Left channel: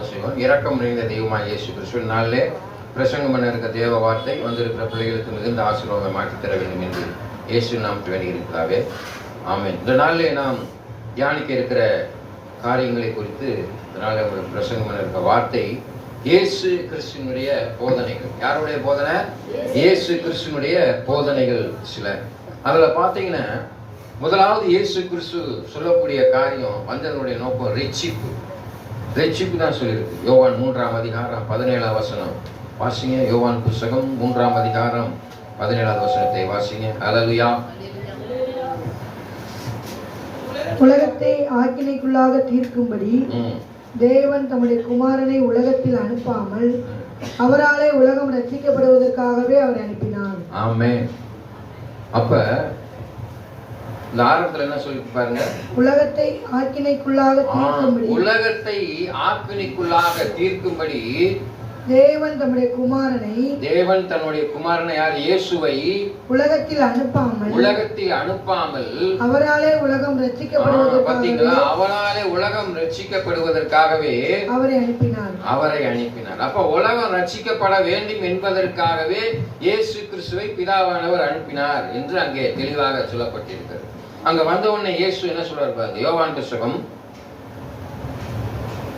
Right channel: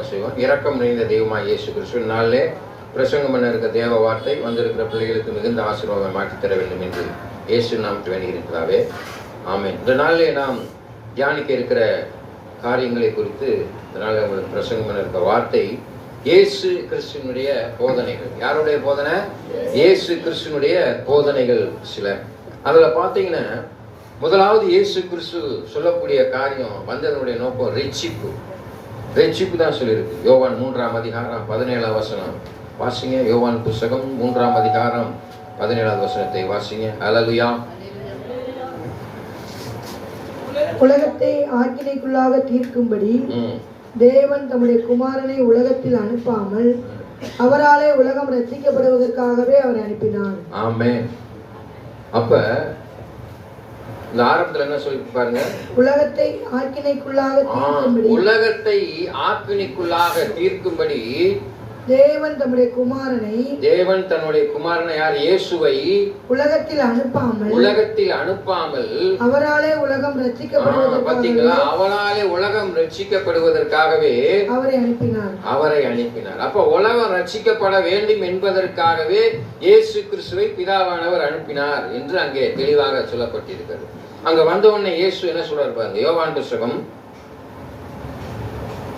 ஜெபம் செய்வோம். இரக்கம் நிறைந்த தெய்வமாக இயேசு கிறிஸ்து நாளிலே பிரசங்கம் பண்ண இருக்க தேவ வார்த்தை வந்திருக்கிற பிள்ளைகளுக்கு மிகுந்த ஆசீர்வாதம் மாற்றி தர வேண்டும் என்று இயேசு நாமத்தில் வேண்டியிருக்கிறாவே. ஆமென். இந்த நாளிலே நாம் தியானிக்க இருக்கிற காரியங்களை குறித்து பிரசங்கம் பண்ண இருக்க வார்த்தை இயேசு கிறிஸ்துவினுடைய போதனைகள். யாருடைய போதனை? இயேசு கிறிஸ்துவினுடைய போதனைகள் சில. அதுல பாத்தீங்கன்னா முதலாவது இயேசு கிறிஸ்து சொல்லக்கூடிய காரியம் வந்ததனுடைய நோக்கம் ரட்சிப்பு தான் சொல்லியிருக்கு. யோவான் 3ஆம் அதிகாரம் 17ஆம் வசனம் வாசிங்க. யோவான் புஸ்தகம் 3ஆம் அதிகாரம் 17ஆம் வசனத்தை வாசிங்க. ஹல்லேலூயா. உலகத்தை ஆக்கினைக்குள்ளாக தீர்க்கும்படி தேவன் தம்முடைய குமாரனை உலகத்தில் அனுப்பாமல் அவராலே உலகம் ரட்சிக்கப்படுவதற்காகவே அவர் அனுப்பினார். ஆமென். அப்ப இந்த ஆரம்பத்துல என்ன சொல்லி பாருங்க, உலகத்தை ஆக்கினைக்குள்ளாக தீர்க்கும்படி தேவன் தம்முடைய குமாரனை யார்? இயேசுவை உலகத்தில் அனுப்பாமல் அவராலே உலகம் ரட்சிக்கப்படுவதற்காகவே அவரை அனுப்பினார். அப்ப உலகம் ரட்சிக்கப்பட வேண்டும் என்பதற்காகவே இயேசு கிறிஸ்துவை பிதாவானவர் அனுப்பினார் என்று அங்கே தெளிவாக சொல்லப்பட்டிருக்கிறது. அங்க வந்த உடனே இயேசு என்ன சொல்றாரு பாருங்க. யோவான் புஸ்தகம்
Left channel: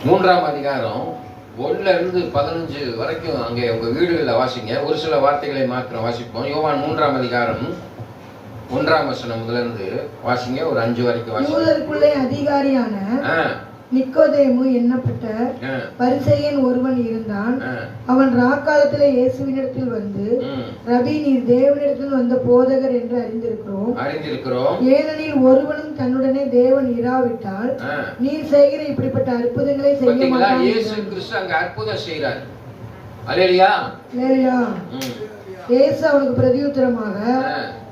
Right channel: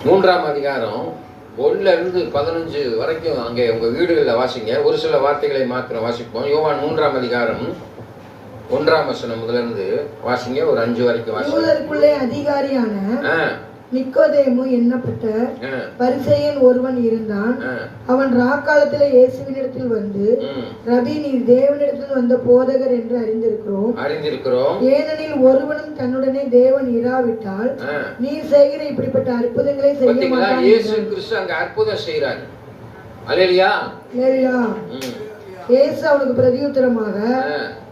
3ஆம் அதிகாரம் 1-15 வரைக்கும் அங்கே உங்க வீடுகளில் வாசிங்க. ஒரு சில வார்த்தைகளை மாத்திரம் வாசிப்போம். யோவான் 3ஆம் அதிகாரம் 1ஆம் வசனம் முதலிருந்து வாசிங்க. ஒரு 5 வரைக்கும் வாசிங்க. அதிகாரியான நிக்கோதேமு என்னப்பட்ட பரிசேயன் ஒருவன் இருந்தான். அவன் ராக்காலத்திலே இயேசுவினிடத்தில் வந்து, ரபி, நீர் தேவனிடத்தில் வந்த போதகர் என்று அறிந்திருக்கிறோம். ஏனெனில் ஒருவனும் தன்னுடனே தேவன் இராவிட்டால் நீர் செய்கிற இப்படிப்பட்ட அற்புதங்களை செய்ய மாட்டார். இயேசு கிறிஸ்து அங்க அற்புதம் செய்கிறார். அல்லேலூயா. இயேசு அவனுக்கு பிரதியுத்தரமாக,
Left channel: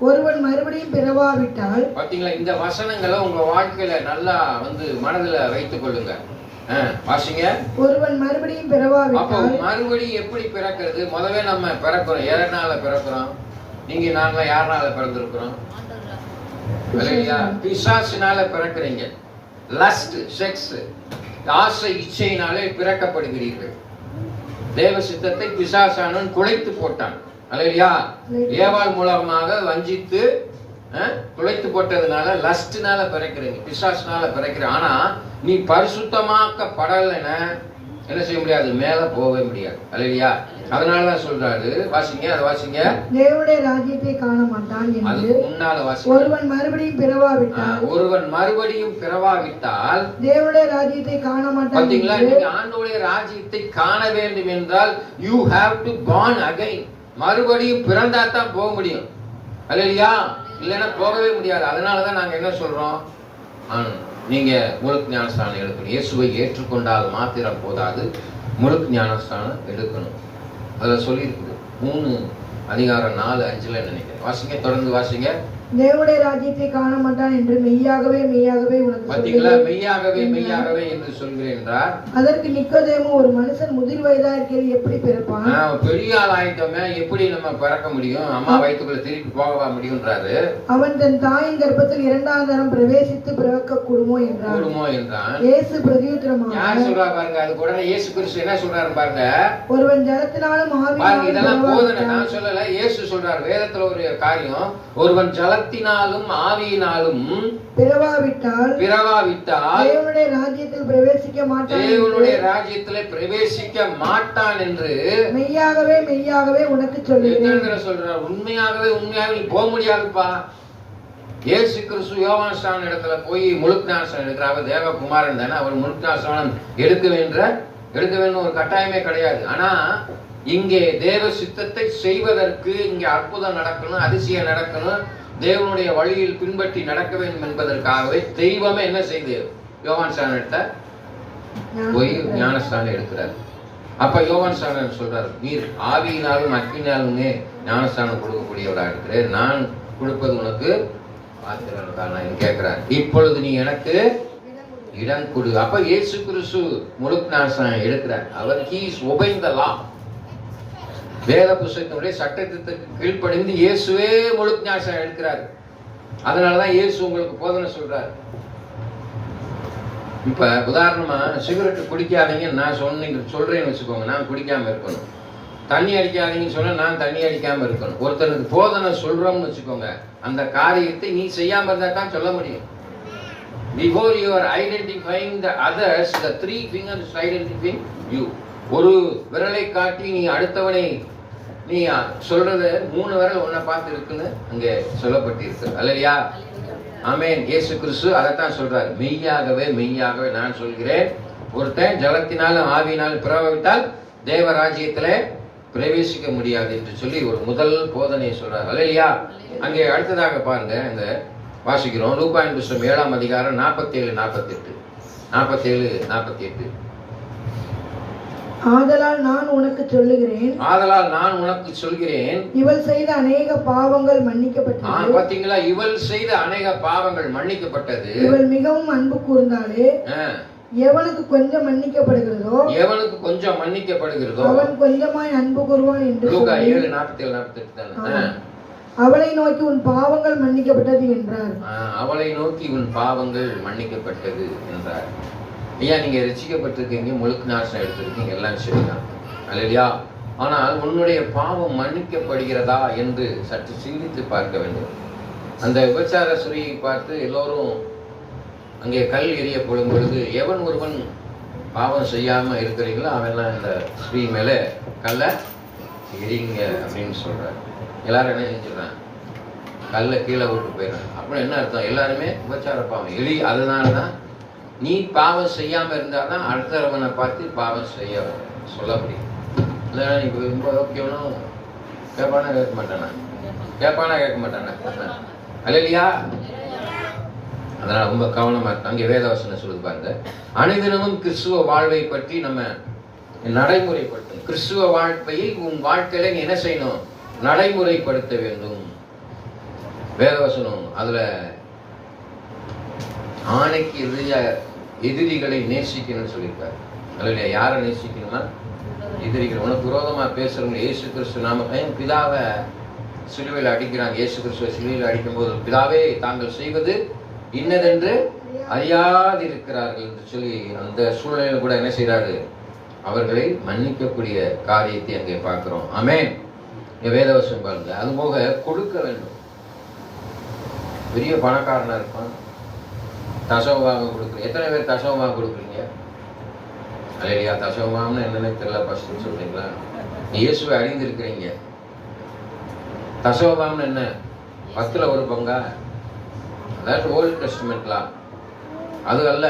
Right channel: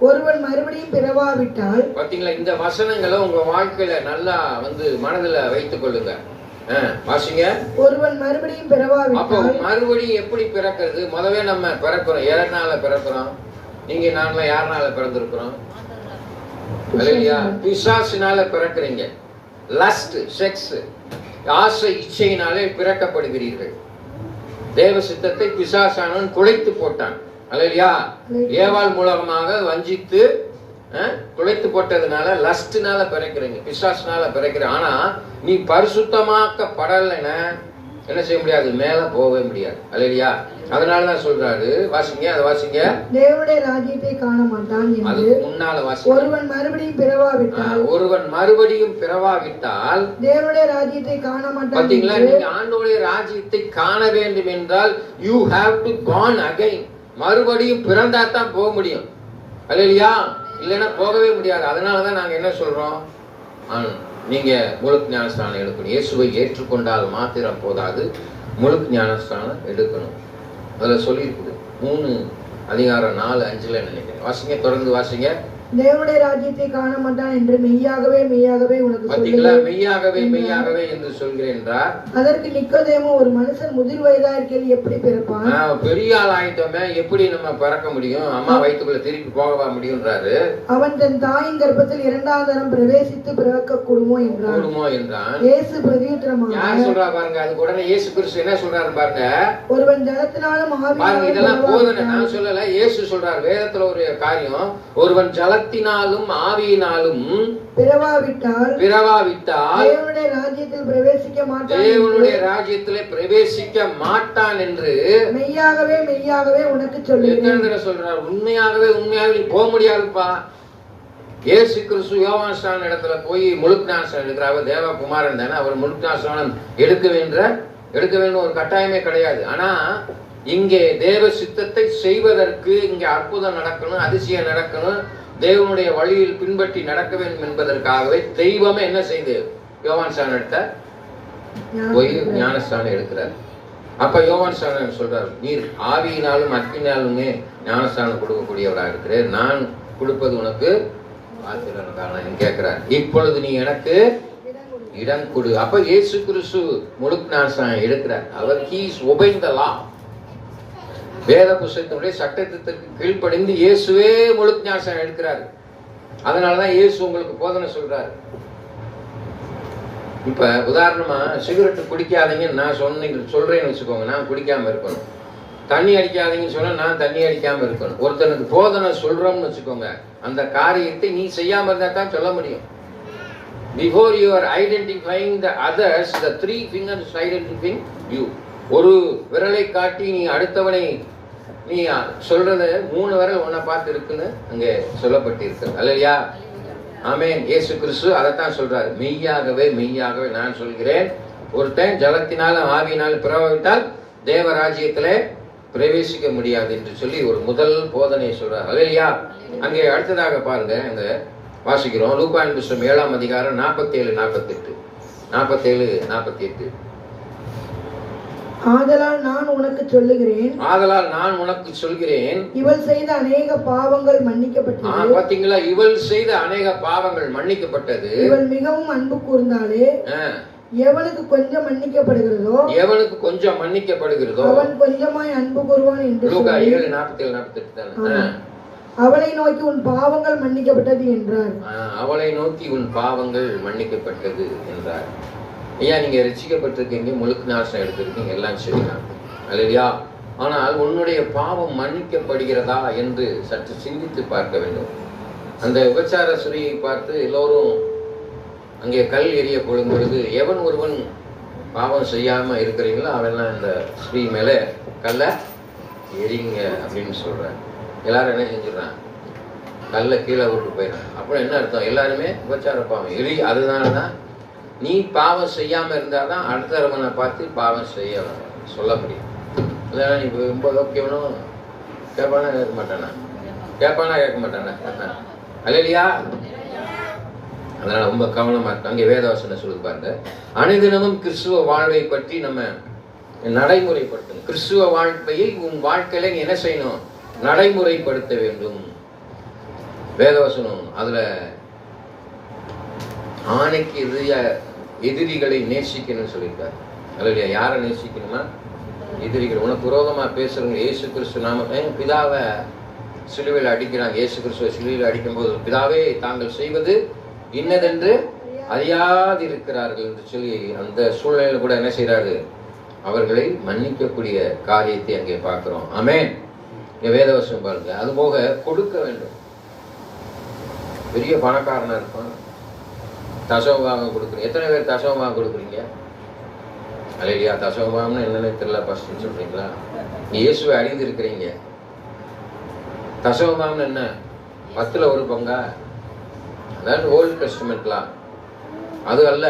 ஒருவன் மறுபடியும் பிறவாவிட்டால். பாத்தீங்களா? இந்த வசனங்களை உங்க வாழ்க்கையில நல்லா மனதில் வைத்துக் கொள்ளுங்க. வாசிங்க. ஒருவன் மறுபடியும் பிறவாவிட்டால். அப்போ மறுபடியும் எப்படி பிறக்கிறது? முதவே நம்ம பிறக்கிறோம். யாருனால பிறக்கிறோம்? நீங்க நாம யாருனால பிறந்திருக்கிறோம்? பிசாசினால பிறக்கிறீங்க. லஸ்ட், செக்ஸ், ஆசை, இச்சையினாலே பிறக்கப்படுகிறீர்கள். தேவ சித்தத்தை பிசாசானவன் குலைத்து போட்டான். அல்லேலூயா. ஏவாள் மூலமாக வஞ்சித்து துளைத்து போட்டதுனால லஸ்ட்னால பிறக்கிறீங்க, பிசாசுனால பிறக்கிறீங்க. ஆனா நீ பரிசுத்தமாக்கப்படலைன்னா என்ன செய்ய முடியாது? மேல போகவே முடியாது. அல்லேலூயா. அதனாலதான் சொல்றாரு, வாசிங்க, அதை வாசிங்க. தேவனுடைய ராஜ்யத்தை காண மாட்டான் என்று. முன்னால வாசிங்க. ஒருவன் மறுபடியும் பிறவாவிட்டால் தேவனுடைய ராஜ்யத்தை காண மாட்டான். பாத்தீங்களா? நீங்க ஆண்டவருடைய ராஜ்யத்தை காண வேண்டும் என்றால் you have to born again. மறுபடியும் பிறந்தா தான் போக முடியும். அல்லேலூயா. இல்லைன்னா போகவே முடியாது. அதனாலதான் நாங்க என்ன சொல்றோம், நீங்க முழு ஞானஸ்தானம் எடுக்கணும். இயேசுவை ஏற்றுக்கொண்டால் மாத்திரம் போதாது, முழு ஞானஸ்தானம் எடுக்கணும். அதில் சொல்லியிருக்குது 3 அதிகாரம் 4-5 நினைக்கிறேன். வாசிங்க, தொடர்ந்து வாசிங்க. தேவனுடைய ராஜ்யத்தை காண மாட்டான் என்று மெய்யாகவே உனக்கு பாத்தீங்களா? மெய்யாகவே என்று சொல்கிறேன் என்றார். அதற்கு நிக்கோதேமு, ஒரு மனுஷன் முதிர் வயதா இருக்கையில் எப்படி பிறப்பான்? பெரிய ஆள் ஆயிட்டோமே, எப்படி நம்ம பிறக்க முடியும்? அம்மா வயிற்றுக்குள்ள திருப்பி போக முடியும்ன்றாரு. அவன் தன் தாயின் கர்ப்பத்தில் 2ஆம் தரம் பிரவேசித்து பிறக்க கூடுமோ என்றான். இயேசு பிரதியுத்தரமாக, யார் சொல்றா பாருங்க. அது உடனே இயேசு கிறிஸ்து என்ன சொல்றாரு பாருங்க. ஒருவன் ஜலத்தினாலும் ஆவியினாலும். இதெல்லாம் போதனை, நான் சொல்லல, இயேசு சொல்றாரு. வேதத்துல ஒரு காரியம், ஒருவன் ஜலத்தினாலும் ஆவியினாலும் பிறவாவிட்டால் தேவனுடைய ராஜ்யத்தில் பிரவேசிக்க மாட்டான் என்று மெய்யாகவே உனக்கு சொல்றார். உண்மையாகவே நீ போக முடியாதுப்பா. இயேசு கிறிஸ்து யோவான் ஸ்நான இடத்துல போய் முழுஞானம் எடுக்கிறார். தேவகுமாரன் தானே, அவர் முழுஞானம் எடுக்க வேண்டும் ஒரு கட்டாயமே கிடையாது. ஆனா இங்கே தேவ சித்தத்தை செய்வதற்கு இங்கே அற்புதம் நடக்கணும், அதிசயம் நடக்கணும், தேவனுடைய வழியில் பின்பற்றி நடக்க வேண்டும் என்பதற்காகவே தெய்வமே என்ன செய்து யோவான் ஸ்நானம் எடுத்த போய் ஞானஸ்தானம் எடுக்கிறார். அப்ப யோவான் ஸ்நானன் சொல்றாரு, நீர் ஆவியினாலும் அக்னியாலுமே ஞானஸ்தானம் கொடுக்கக்கூடியவராக இருக்கிறேன், நான் கொடுப்பது உனக்கு கேட்கிறார். இப்பொழுது நீ எனக்கு இடம் கொடு. அப்ப இயேசு கிறிஸ்து முழு ஞானஸ்தானம் எடுக்கிறார். அவர் he is obeying the law. வேத புத்தகத்தினுடைய சட்டத்திற்கு கீழ்ப்படிந்து இயேசுவே முழு ஞானஸ்நானம் எடுக்கிறார். அதனாலதான் இயேசு உங்களுக்கு போதனை சொல்றார். இப்ப உதாரணமா சிகரெட் குடிக்காதீங்கன்னு நான் சொல்றேன்னு வச்சுக்கோங்க, நான் குடிக்காம இருக்கணும். தண்ணி அடிக்காதீங்கன்னு சொன்னா நான் தண்ணி அடிக்காம இருக்கணும். ஒருத்தருக்கு போதனை சொல்றோம்னு வச்சுக்கோங்க, அந்த காரியத்தை நீ செய்யாம இருந்தா தான் சொல்ல முடியும். Before you are identifying the others, the three fingers identifying you. ஒரு விரலை காட்டி நீ அடுத்தவனை நீ சொல்றது 3 விரல் உன்னை பார்த்து இருக்குன்னு அங்கே சொல்லப்பட்டிருக்கு. அல்லையா? ஆமென். இயேசு கிறிஸ்து அதைத்தான் சொல்றாரு, மெய்யாகவே மெய்யாகவே நான் சொல்கிறேன், ஒருத்தன் ஜலத்தினாலும் ஆவியினாலும் பிரபாவித்தால் தேவராஜ்யத்திலே பிரவேசிக்க முடியாது என்று சொல்லி ஒரு முதல் போதனை சொல்றார். அல்லையா? அங்கே அடுத்ததாக பாருங்க, அங்க வாசிக்கிறோம் லூக்காவின் புத்தகம் 7ஆம் அதிகாரம் 47-48. ஆதலால் நான் உனக்கு சொல்லுகிறேன், இவள் செய்த அநேக பாவங்கள் மன்னிக்கப்பட்டது. பாத்தீங்களா? இவள் செய்த அநேக பாவங்கள் மன்னிக்கப்பட்டது. இவள் மிகவும் அன்பு கூர்ந்தாலே, எவனுக்கு கொஞ்சம் மன்னிக்கப்படுகிறதோ அவன் கொஞ்சமாய் அன்பு கூறுவான் என்று லூக்கா 7:47-48. அவளை நோக்கி உன் பாவங்கள் மன்னிக்கப்பட்டது என்றார். அவளை நோக்கி உன் பாவங்கள் மன்னிக்கப்பட்டது என்றார். ஐயா, நீங்க ரட்சிக்கப்பட்டிருக்கீங்க, முழுக்க நாசனம் எடுத்திருக்கீங்க, எல்லாம் சரிதான். அல்லையா? ஆனால் உன்னுடைய பாவம் மன்னிக்கப்படுகிறதா என்று சற்று சிந்தித்து பார்க்க வேண்டும். அந்த விபச்சார ஸ்திரீயை பார்த்து எல்லோரும் அங்கே கல் எறிய கொள்ளும் பொழுது, எவன் ஒருவன் பாவம் செய்யாம இருக்கிறீங்களோ அவெல்லாம் இந்த ஸ்ரீ மேல கல்ல எரிங்க அப்படின்னு சொல்றாங்க. எல்லாரும் என்ன செஞ்சிடறாங்க? கல்ல கீழே விட்டு போயிடுறாங்க. அப்புறம் என்ன அர்த்தம்? எல்லாருமே விபச்சார பாவம் எலி. அதுதான் நீ பாவம் செய்யாம இருந்தாதான் அடுத்தவனை பார்த்து பாவம் செய்ய சொல்ல முடியும். நீ ரொம்ப ஓகேனும் கேட்பானா கேட்க மாட்டானா? அல்லையா? அதனால ரொம்ப கவனமா இருக்கு. அங்கே வேதவசனம் சொல்லுது பாருங்க, அனுதினமும் கிறிஸ்துவ வாழ்வை பற்றி நம்ம நடைமுறைப்படுத்தணும். கிறிஸ்துவ வாழ்க்கையை உன் வாழ்க்கையில நீ என்ன செய்யணும்? நடைமுறைப்படுத்த வேண்டும். வேதவசனம் அதுல ஆணைக்கு எதிரிகளை நேசிக்கணும்னு சொல்லியிருக்காரு. அதுல யாரை நேசிக்கணும்னா எதிரிகள். உனக்கு விரோதமா பேசுறவங்க இயேசு கிறிஸ்து நாம பிதாவை சிலுவையில் அடிக்கிறாங்க. இயேசு கிறிஸ்துவ சிலுவையில் அடிக்கும் போது, பிதாவே தாங்கள் செய்வது இன்னதென்று அறியாதிருக்கிறார்கள் என்று சொல்லி அந்த சூழ்நிலையில கூட என்ன செய்யறாரு? அவர்களை மன்னிக்கக்கூடிய காரியத்தை அங்கே பார்க்கிறோம். ஆமென். வேதவசம் பாருங்க. அது போக கொடுக்க வேண்டும். பெரிய பணக்காரனா இருப்பான், தசமபாகம் கொடுக்குறீங்க. எத்தனை பேர் தசமபாகம் கொடுக்குறீங்க? அல்லையா? தசமபாகம்னா என்னன்னு தெரியல, ஃபர்ஸ்ட் சொல்றீங்களா? இயேசுவை அறிந்திருக்கிறீங்க. தசமபாகம்னு என்ன? 10ல் 1 பங்கா? அதாவது ஓல்டு டெஸ்டமெண்ட்லாம் அது அல்ல.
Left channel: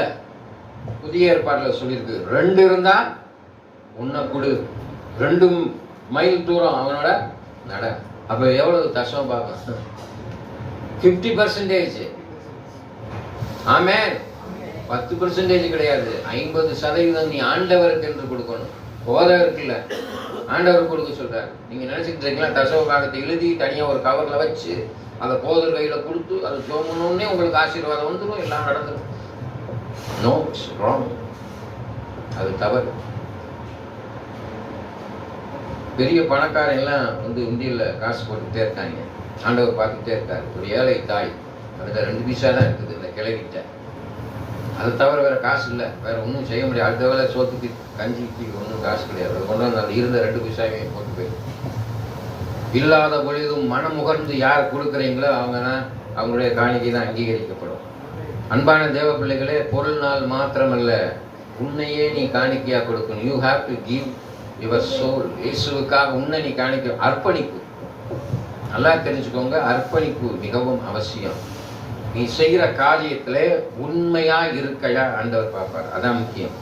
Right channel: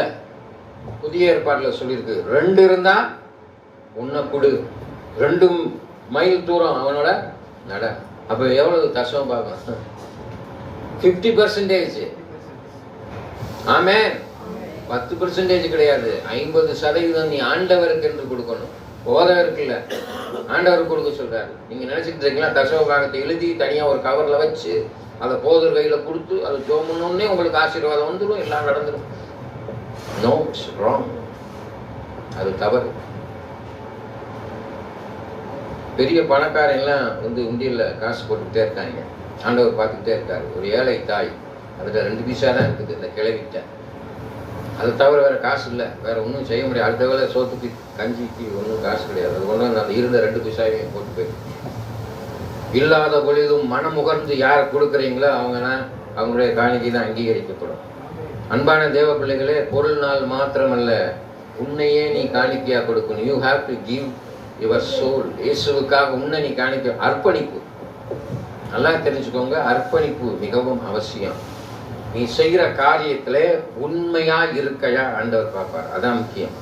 புதிய ஏற்பாட்டில் சொல்லியிருக்கு, 2 இருந்தா உன்னை கொடு, 2 மைல் தூரம் அவனோட நட. அப்ப எவ்வளவு தசமபாகம்? 50%. ஆமென். 10% கிடையாது, 50% நீ ஆண்டவருக்கு என்று கொடுக்கணும். போதவருக்கு இல்ல, ஆண்டவருக்கு கொடுக்க சொல்றாரு. நீங்க நினைச்சுட்டு இருக்கீங்களா? தசமபாகத்தை எழுதி தனியா ஒரு கவர்ல வச்சு அதை போதர் கையில கொடுத்து அது ஜோமுன்னே உங்களுக்கு ஆசீர்வாதம் வந்துடும், எல்லாம் நடந்துடும். No, it's wrong. அது தவறு. பெரிய பணக்காரங்கெல்லாம் இந்தியில காசு போட்டுட்டே இருக்காங்க. ஆண்டவர் பார்த்துட்டே இருக்காரு. ஒரு ஏழை தாய், அதுல 2 பைசா தான் இருக்குது இந்த கிழவிட்ட. அது தவிர வேற காசு இல்லை, வேற ஒன்றும் செய்ய முடியாது. அடுத்த வேலை சோத்துக்கு கஞ்சிக்கு ஒன்றும் காசு கிடையாது. அது கொண்டு வந்து இருந்த 2 பைசாவையும் போட்டு போயிடும். இல்லாத பொழுதும் மனமுகர்ந்து யார் கொடுக்குறீங்களோ அவங்களுடைய காணிக்கை தான் அங்கீகரிக்கப்படும். அன்பான தேவ பிள்ளைகளே, பொருள்னால் மாத்திரமல்ல, உன்னையே நீ காணிக்கையா கொடுக்கணும். You have to give your soul. இயேசுவுக்காக உன்னை நீ காணிக்க. அர்ப்பணிப்பு நல்லா தெரிஞ்சுக்கோங்க, அர்ப்பணிப்பு மிகவும் அவசியம். நீ செய்கிற காரியத்துல உண்மையா இருக்கையா ஆண்டவர் பார்ப்பார். அதான் முக்கியம்.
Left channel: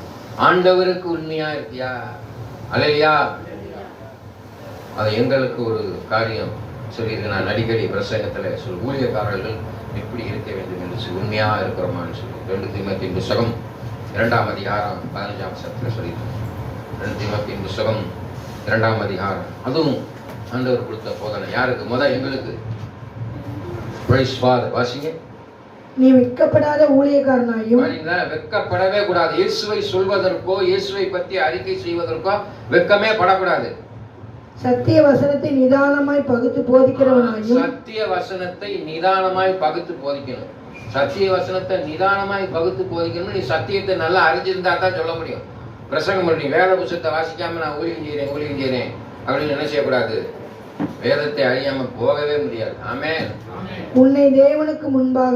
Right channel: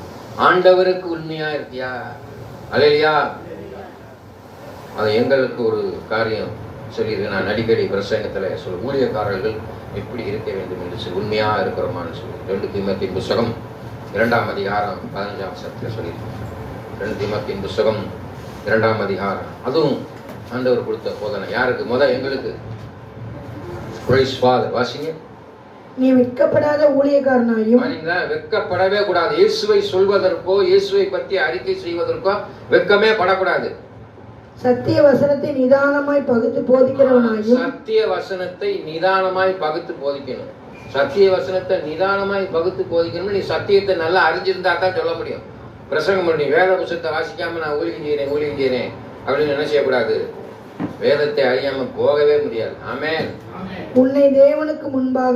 ஆண்டவருக்கு உண்மையா இருக்கியா? அல்லையா? அது எங்களுக்கு ஒரு காரியம் சொல்லியிருக்கு. நான் அடிக்கடி பிரசங்கத்துல ஊழியக்காரர்கள் எப்படி இருக்க வேண்டும் என்று சொல்லி, உண்மையா இருக்கிறோமான்னு சொல்லி 2 தீமோத்தேயு புத்தகம் 2ஆம் அதிகாரம் 15ஆம் வசனத்தில் சொல்லியிருக்கோம். 2 தீமோத்தேயு புத்தகம் 2ஆம் அதிகாரம். அதுவும் ஆண்டவர் கொடுத்த போதனை. யாருக்கு? எங்களுக்கு. வாசிங்க. நீ வெட்கப்படாத ஊழியக்காரனாயும். வெட்கப்படவே கூடாது. இயேசுவை சொல்வதற்கோ இயேசுவை பற்றி அறிக்கை செய்வதற்கோ வெட்கமே படக்கூடாது. சத்திய வசனத்தை நிதானமாய் பகுத்து போதிக்கிறவனாயும். சத்திய வசனத்தை நிதானமாய் பகுத்து போதிக்கணும். சத்திய வசனத்தை நிதானமாய் பகுத்து போதிக்கணும். நீ சத்தியத்தை நல்லா அறிஞ்சிருந்தா தான் சொல்ல முடியும். பிரசங்கம் பண்ணி வேத புத்தகத்தை வாசிக்காம நான் ஊழியம் செய்யறேன் அப்படின்னு நினைச்சக்கூடாது. வேதத்தை அறியாம போகவே முடியாது. ஆமென். உன்னை தேவனுக்கு முன்பாக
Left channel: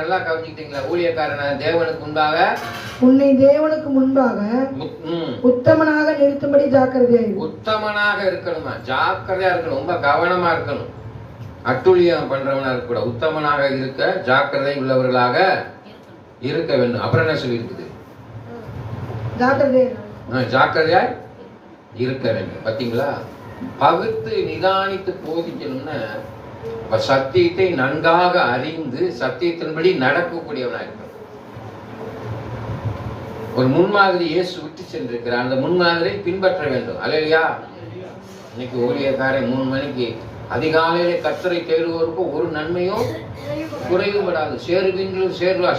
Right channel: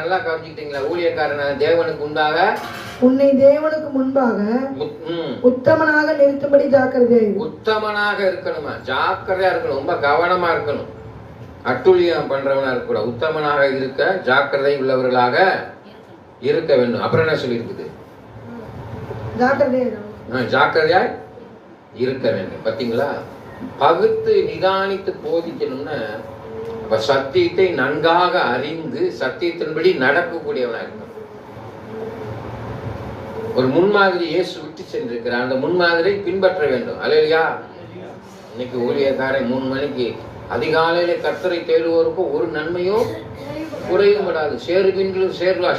நல்லா கவனிச்சிட்டீங்களா? ஊழியக்காரன் தேவனுக்கு முன்பாக உன்னை தேவனுக்கு முன்பாக உத்தமனாக நிறுத்தும்படி ஜாக்கிரதையா உத்தமனாக இருக்கணுமா? ஜாக்கிரதையா இருக்கணும். ரொம்ப கவனமா இருக்கணும். அட்டுழியம் பண்றவனா இருக்க கூடாது. உத்தமனாக இருக்க ஜாக்கிரதை உள்ளவர்களாக இருக்க வேண்டும். அப்புறம் என்ன சொல்லியிருக்குது? ஜாக்கிரதையா இருக்க வேண்டும். பாத்தீங்களா? பகுத்து நிதானித்து போதிக்கணும்னு சத்தியத்தை நன்காக அறிந்து சத்தியத்தின்படி நடக்கக்கூடியவனா இருக்க. ஒரு முன்மாதிரி இயேசு விட்டு சென்றிருக்கிறார். அந்த முன்மாதிரை பின்பற்ற வேண்டும். அல்லையா? இன்னைக்கு ஊழியக்காரன் 3 மணிக்கு அதிகாலையில கர்த்தரை தேடுவோருக்கு ஒரு நன்மையும் குறையும் படாது.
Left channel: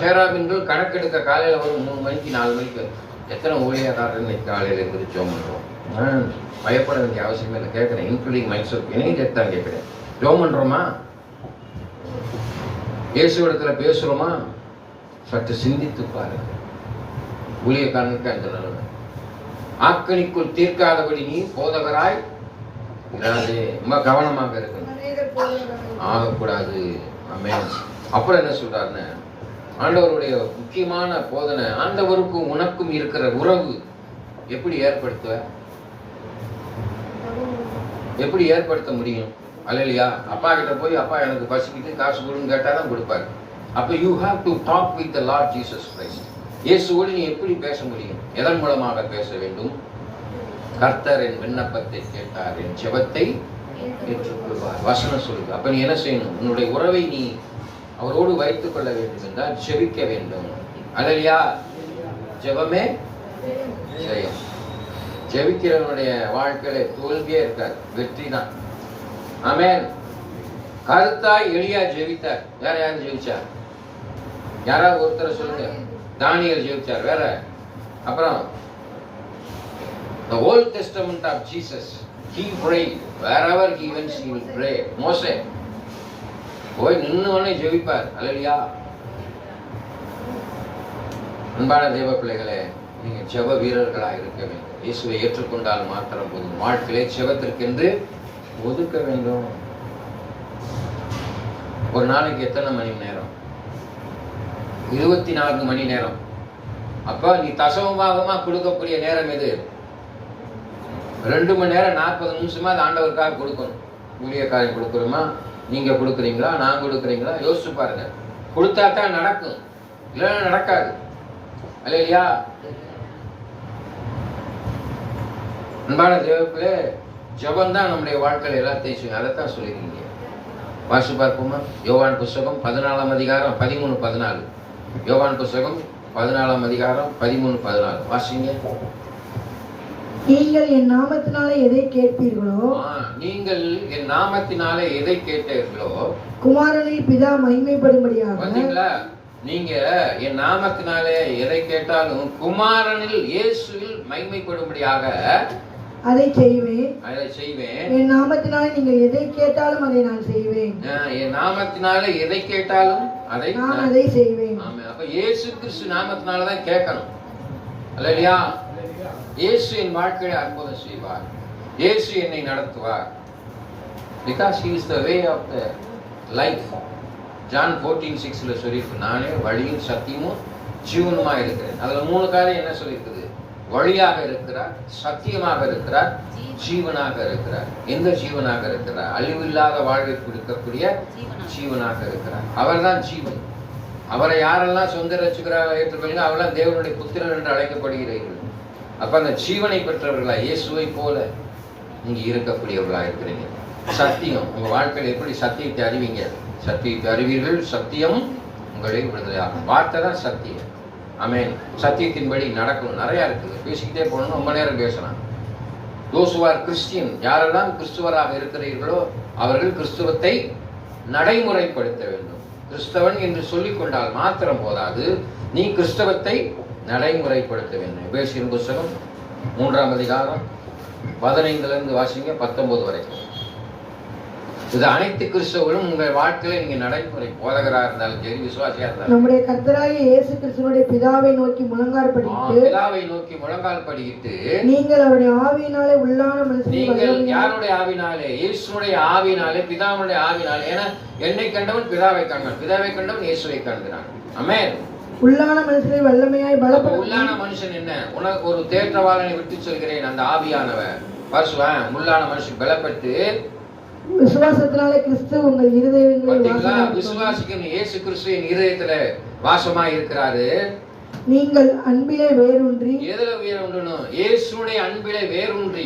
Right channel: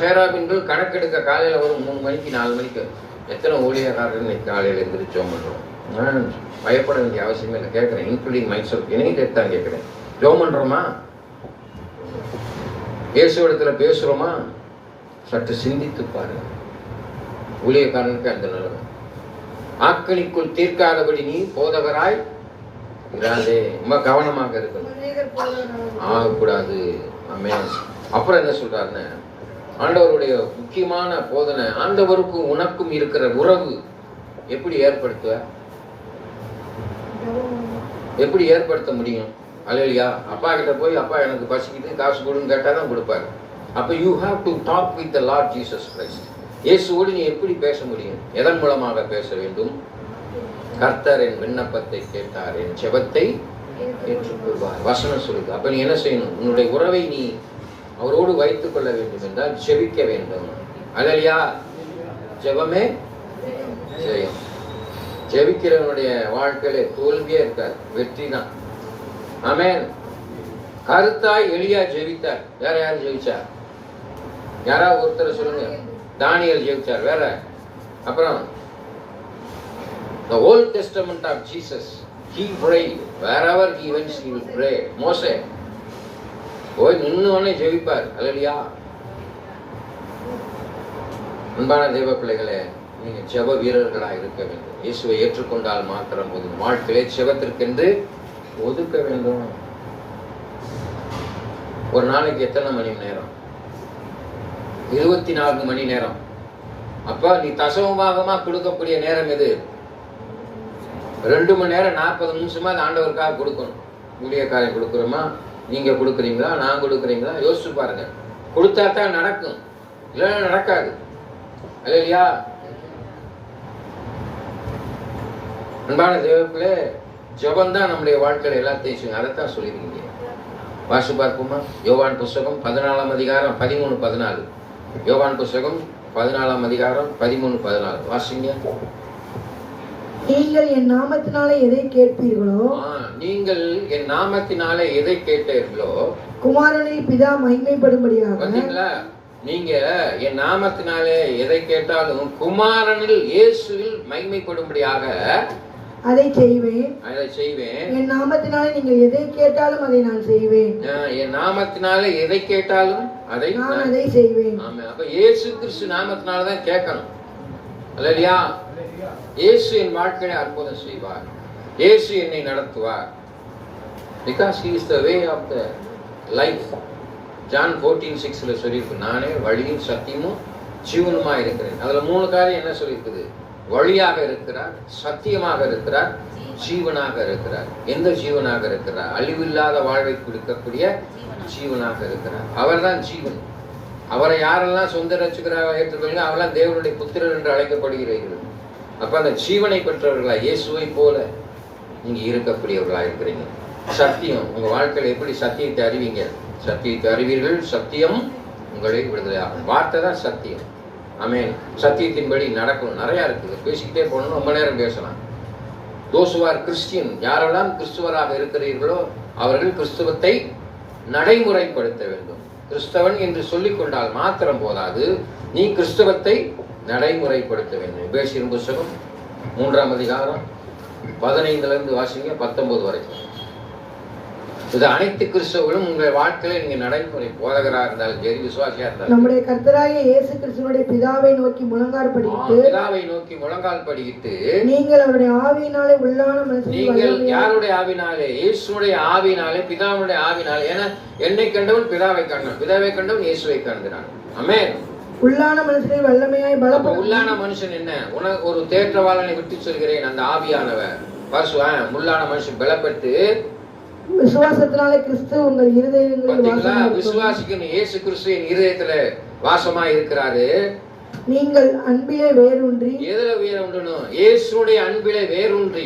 சேராபின்களும் கணக்கெடுக்க காலையில ஒரு 3 மணிக்கு 4 மணிக்கு எத்தனை ஊழியக்காரர்கள் காலையில எந்திரிச்சோம் பண்றோம். நான் பயப்பட வேண்டிய அவசியமே இல்லை. கேட்கிறேன், இன்க்ளூடிங் மைசெல்ஃப், என்னையும் சேர்த்தான் கேட்கிறேன். ஜெபம் பண்றோமா? இயேசுவிடத்துல பேசுறோமா? சற்று சிந்தித்து பாரு. ஊழியக்காரனுக்கு அந்த நிலைமை. ஆக்கணிக்குள் தீர்க்காதபடி நீ போதகராய் இராதே. ரொம்ப கவனமாக இருக்கணும். ஆகக்கூடாது. அப்புறம் என்ன சொல்றாருன்னு, ஆண்டவருடைய முக்கியமான போதனை, ஆண்டவருக்கும் உனக்கும் இருக்கிற உறவு எப்படி ஏற்படுத்த முடியும்? அல்லையா? அப்பா கிட்ட போய் அப்பா எனக்கு பசிக்கிட்டு காசு கொடுன்னு கேட்டாதான் கொடுப்பாரு. அப்ப you have to talk with the Lord Jesus Christ. இயேசுவோடு நீ எப்படி பேச முடியும்? எதன் மூலமாக பேச வேண்டும்? கர்த்தர் என் விண்ணப்பத்தை கேட்டார், என் ஜெபத்தை ஏற்றுக்கொள்வார். வசனம் சொல்லுது. அப்ப நீ என்ன செய்யணும்? உன்னுடைய உறவை நீ அவரோடு வைத்துக் கொள்ள வேண்டும் என்றால் ஜெபிக்க வேண்டும். அல்லையா? ஜெபமே ஜெயம். ஜெபிக்கிறவனுடைய வாழ்க்கையில தோல்வியே இருக்காது, வெற்றி தான். ஆமென். கருத்தாய் எலியா ஜெபித்தார். யார் ஜெபிச்சா? யாராவது ஒருத்தர் சொல்லுங்க. தானியேல் ஜெபித்தார். வேற? அப்புறம் the Old Testament of Jesus, he prayed wherever he went, he will pray. மோசே போய் நின்னுவனே ஜெபிப்பார். அல்லையா? அன்பான தேவ பிள்ளைகளே, நீங்க ஜெப வீரர்களாக இருக்க வேண்டும். இயேசுவை ஏற்றுக்கொண்டால் மாத்திரம் போதும். வாழ்க்கையை ஜெபத்திற்கென்று ஒதுக்க வேண்டும். ஒரு நாளைக்கு எத்தனை மணி நேரம்? 24 மணி நேரம். அப்ப நீ தசமபாகமா கொடுக்கக்கூடிய நேரம் எது? 2 மணி நேரம் 40 நிமிஷமா அது ஆண்டவருக்காக கொடுக்கணும். ஊழியக்காரன் கொடுக்குறோமா? நீங்க கொடுக்குறீங்களா? நான் கொடுக்குறீங்களா? யோசிச்சு பாருங்க. கொடுத்தா தான் நடக்கும், இல்லைன்னா நடக்காது. இல்லையா? அன்பான தேவப்பிள்ளை, ஜெபம் தான் நம்முடைய வாழ்க்கையில எல்லாத்தையும் செய்யும். அதைத்தான் சொல்லியிருக்கீங்க. வாசி பார்க்குமா? யோவான் புஸ்தகம் 14ஆம் அதிகாரம் 13-14. யோவான் புஸ்தகம் 14ஆம் அதிகாரம் 13-14 வாசிங்க. நீங்கள் என் நாமத்தினாலே எதை கேட்பீர்களோ, நீங்கள் என் நாமத்தினாலே எதை கேட்டீர்களோ, குமாரனில் பிதா மகிமைப்படும்படியாக. பாத்தீங்களா? நீங்க என் நாமத்தினாலே எதை கேட்டாலும் குமாரனில் இயேசுவில் மகிமைப்படும்படியாக அதை செய்வேன். என் நாமத்தினாலே நீங்கள் எதை கேட்டாலும் அதை நான் செய்வேன். என் நாமத்தினாலே எதை கேட்டாலும் அதை செய்வேன். அப்ப இயேசு கிறிஸ்து நாமத்தினால தான் கேட்கணும். அல்லையா? இயேசு என் வாழ்க்கையை அற்புதம் செய்வார். இயேசு என்னை நடத்துவார். Because he is the way of the life. John 14:6 சொல்லிருக்கு, நானே வழியும் சத்தியமும் ஜீவனுமா இருக்கிறேன். அதுல 3 காரியம் என்ன சொல்லிருக்குது? வழியாக இருக்கிறார், சத்தியமாக இருக்கிறார், ஜீவனாக இருக்கிறார். எந்த ஜீவனாக இருக்கிறார்? அழிவில்லாத வாழ்வை கொடுக்கக்கூடிய ஜீவனாக இருக்கிறார். அவர் தான் ஜீவன். அவரை யாரெல்லாம் சொந்த ரட்சகராக ஏற்றுக்கொள்ளுங்க, அவரெல்லாம் தேவனுடைய புத்திரன் என்று அழைக்கப்படுகிறீர்கள். அப்ப அந்த ஜீவனை பெற்றவர்களா இயேசுவை போல நீங்க இருக்கக்கூடியவர்களா இருக்கிறீங்க. சத்தியம் உங்க வாழ்க்கையில எப்படி சத்தியத்தை அறிவீங்க? சத்தியத்தை அறிவீர்கள், சத்தியம் உங்களை விடுதலையாகும். வார்த்தை தான் சத்தியம். ஆமென். சத்தியத்தின்படி நடக்கணும். நிறைய இருக்குது, பேசிக்கிட்டே போகணும், ரொம்ப நேரம் பேசலாம். those who are Christian, யாரெல்லாம் கிறிஸ்துவராக இருக்கிறீர்களோ அவர்கள் கிறிஸ்துவத்தை நடைமுறைப்படுத்த வேண்டும். கிறிஸ்தவன் என்று சொல்லிக் கொண்டால் மாத்திரம் போதாது, நீ கிறிஸ்தவத்தை நடைமுறைப்படுத்த வேண்டும். எபேசியர் புத்தகம் 3ஆம் அதிகாரம் 15 வாசிங்க 19 வரைக்கும். இது அனைத்து கிறிஸ்தவர்களும் உங்கள் வாழ்க்கையில நீங்க நடைமுறை போதகரா இருந்தாலும் சரி, விசுவாசியா இருந்தாலும் நம்முடைய கர்த்தராகிய இயேசு கிறிஸ்துவினுடைய பிதாவை நோக்கி முழங்கால் படியிட்டு பிதாவை நோக்கி முழங்கால் படியிட்டு நீங்கள் அவருடைய ஆவியினாலே உள்ளான நீங்கள் யாருடைய ஆவினாலே? இயேசுடைய ஆவினாலே, பிதாவுடைய ஆவினாலே. ஏன்னா என்னை கண்டவன் பிதாவை கண்டான், பிதாவை கண்டவன் இயேசுவை கண்டான். ஆமென். உள்ளான மனுஷனை வல்லமையாய் பலப்படுத்த. உள்ளான மனுஷன் என்ன? உனக்கு ஒரு தேற்றவாளனை விட்டு சொல்கிறேன், அந்த ஆவியானவர் பசுவன். உள்ளான மனுஷன் பலப்பட்டு விசுவாசத்தினாலே கிறிஸ்து உங்கள் இருதயங்களில் விசுவாசிக்கிற இயேசு கிறிஸ்துவின் இருதயத்துல வாசமாய் இருக்கிறாரு. நீங்கள் அன்பிலே வேரூன்றி. எதுல வேரூன்றணும்? இயேசுடைய அன்பிலே வேரூன்றி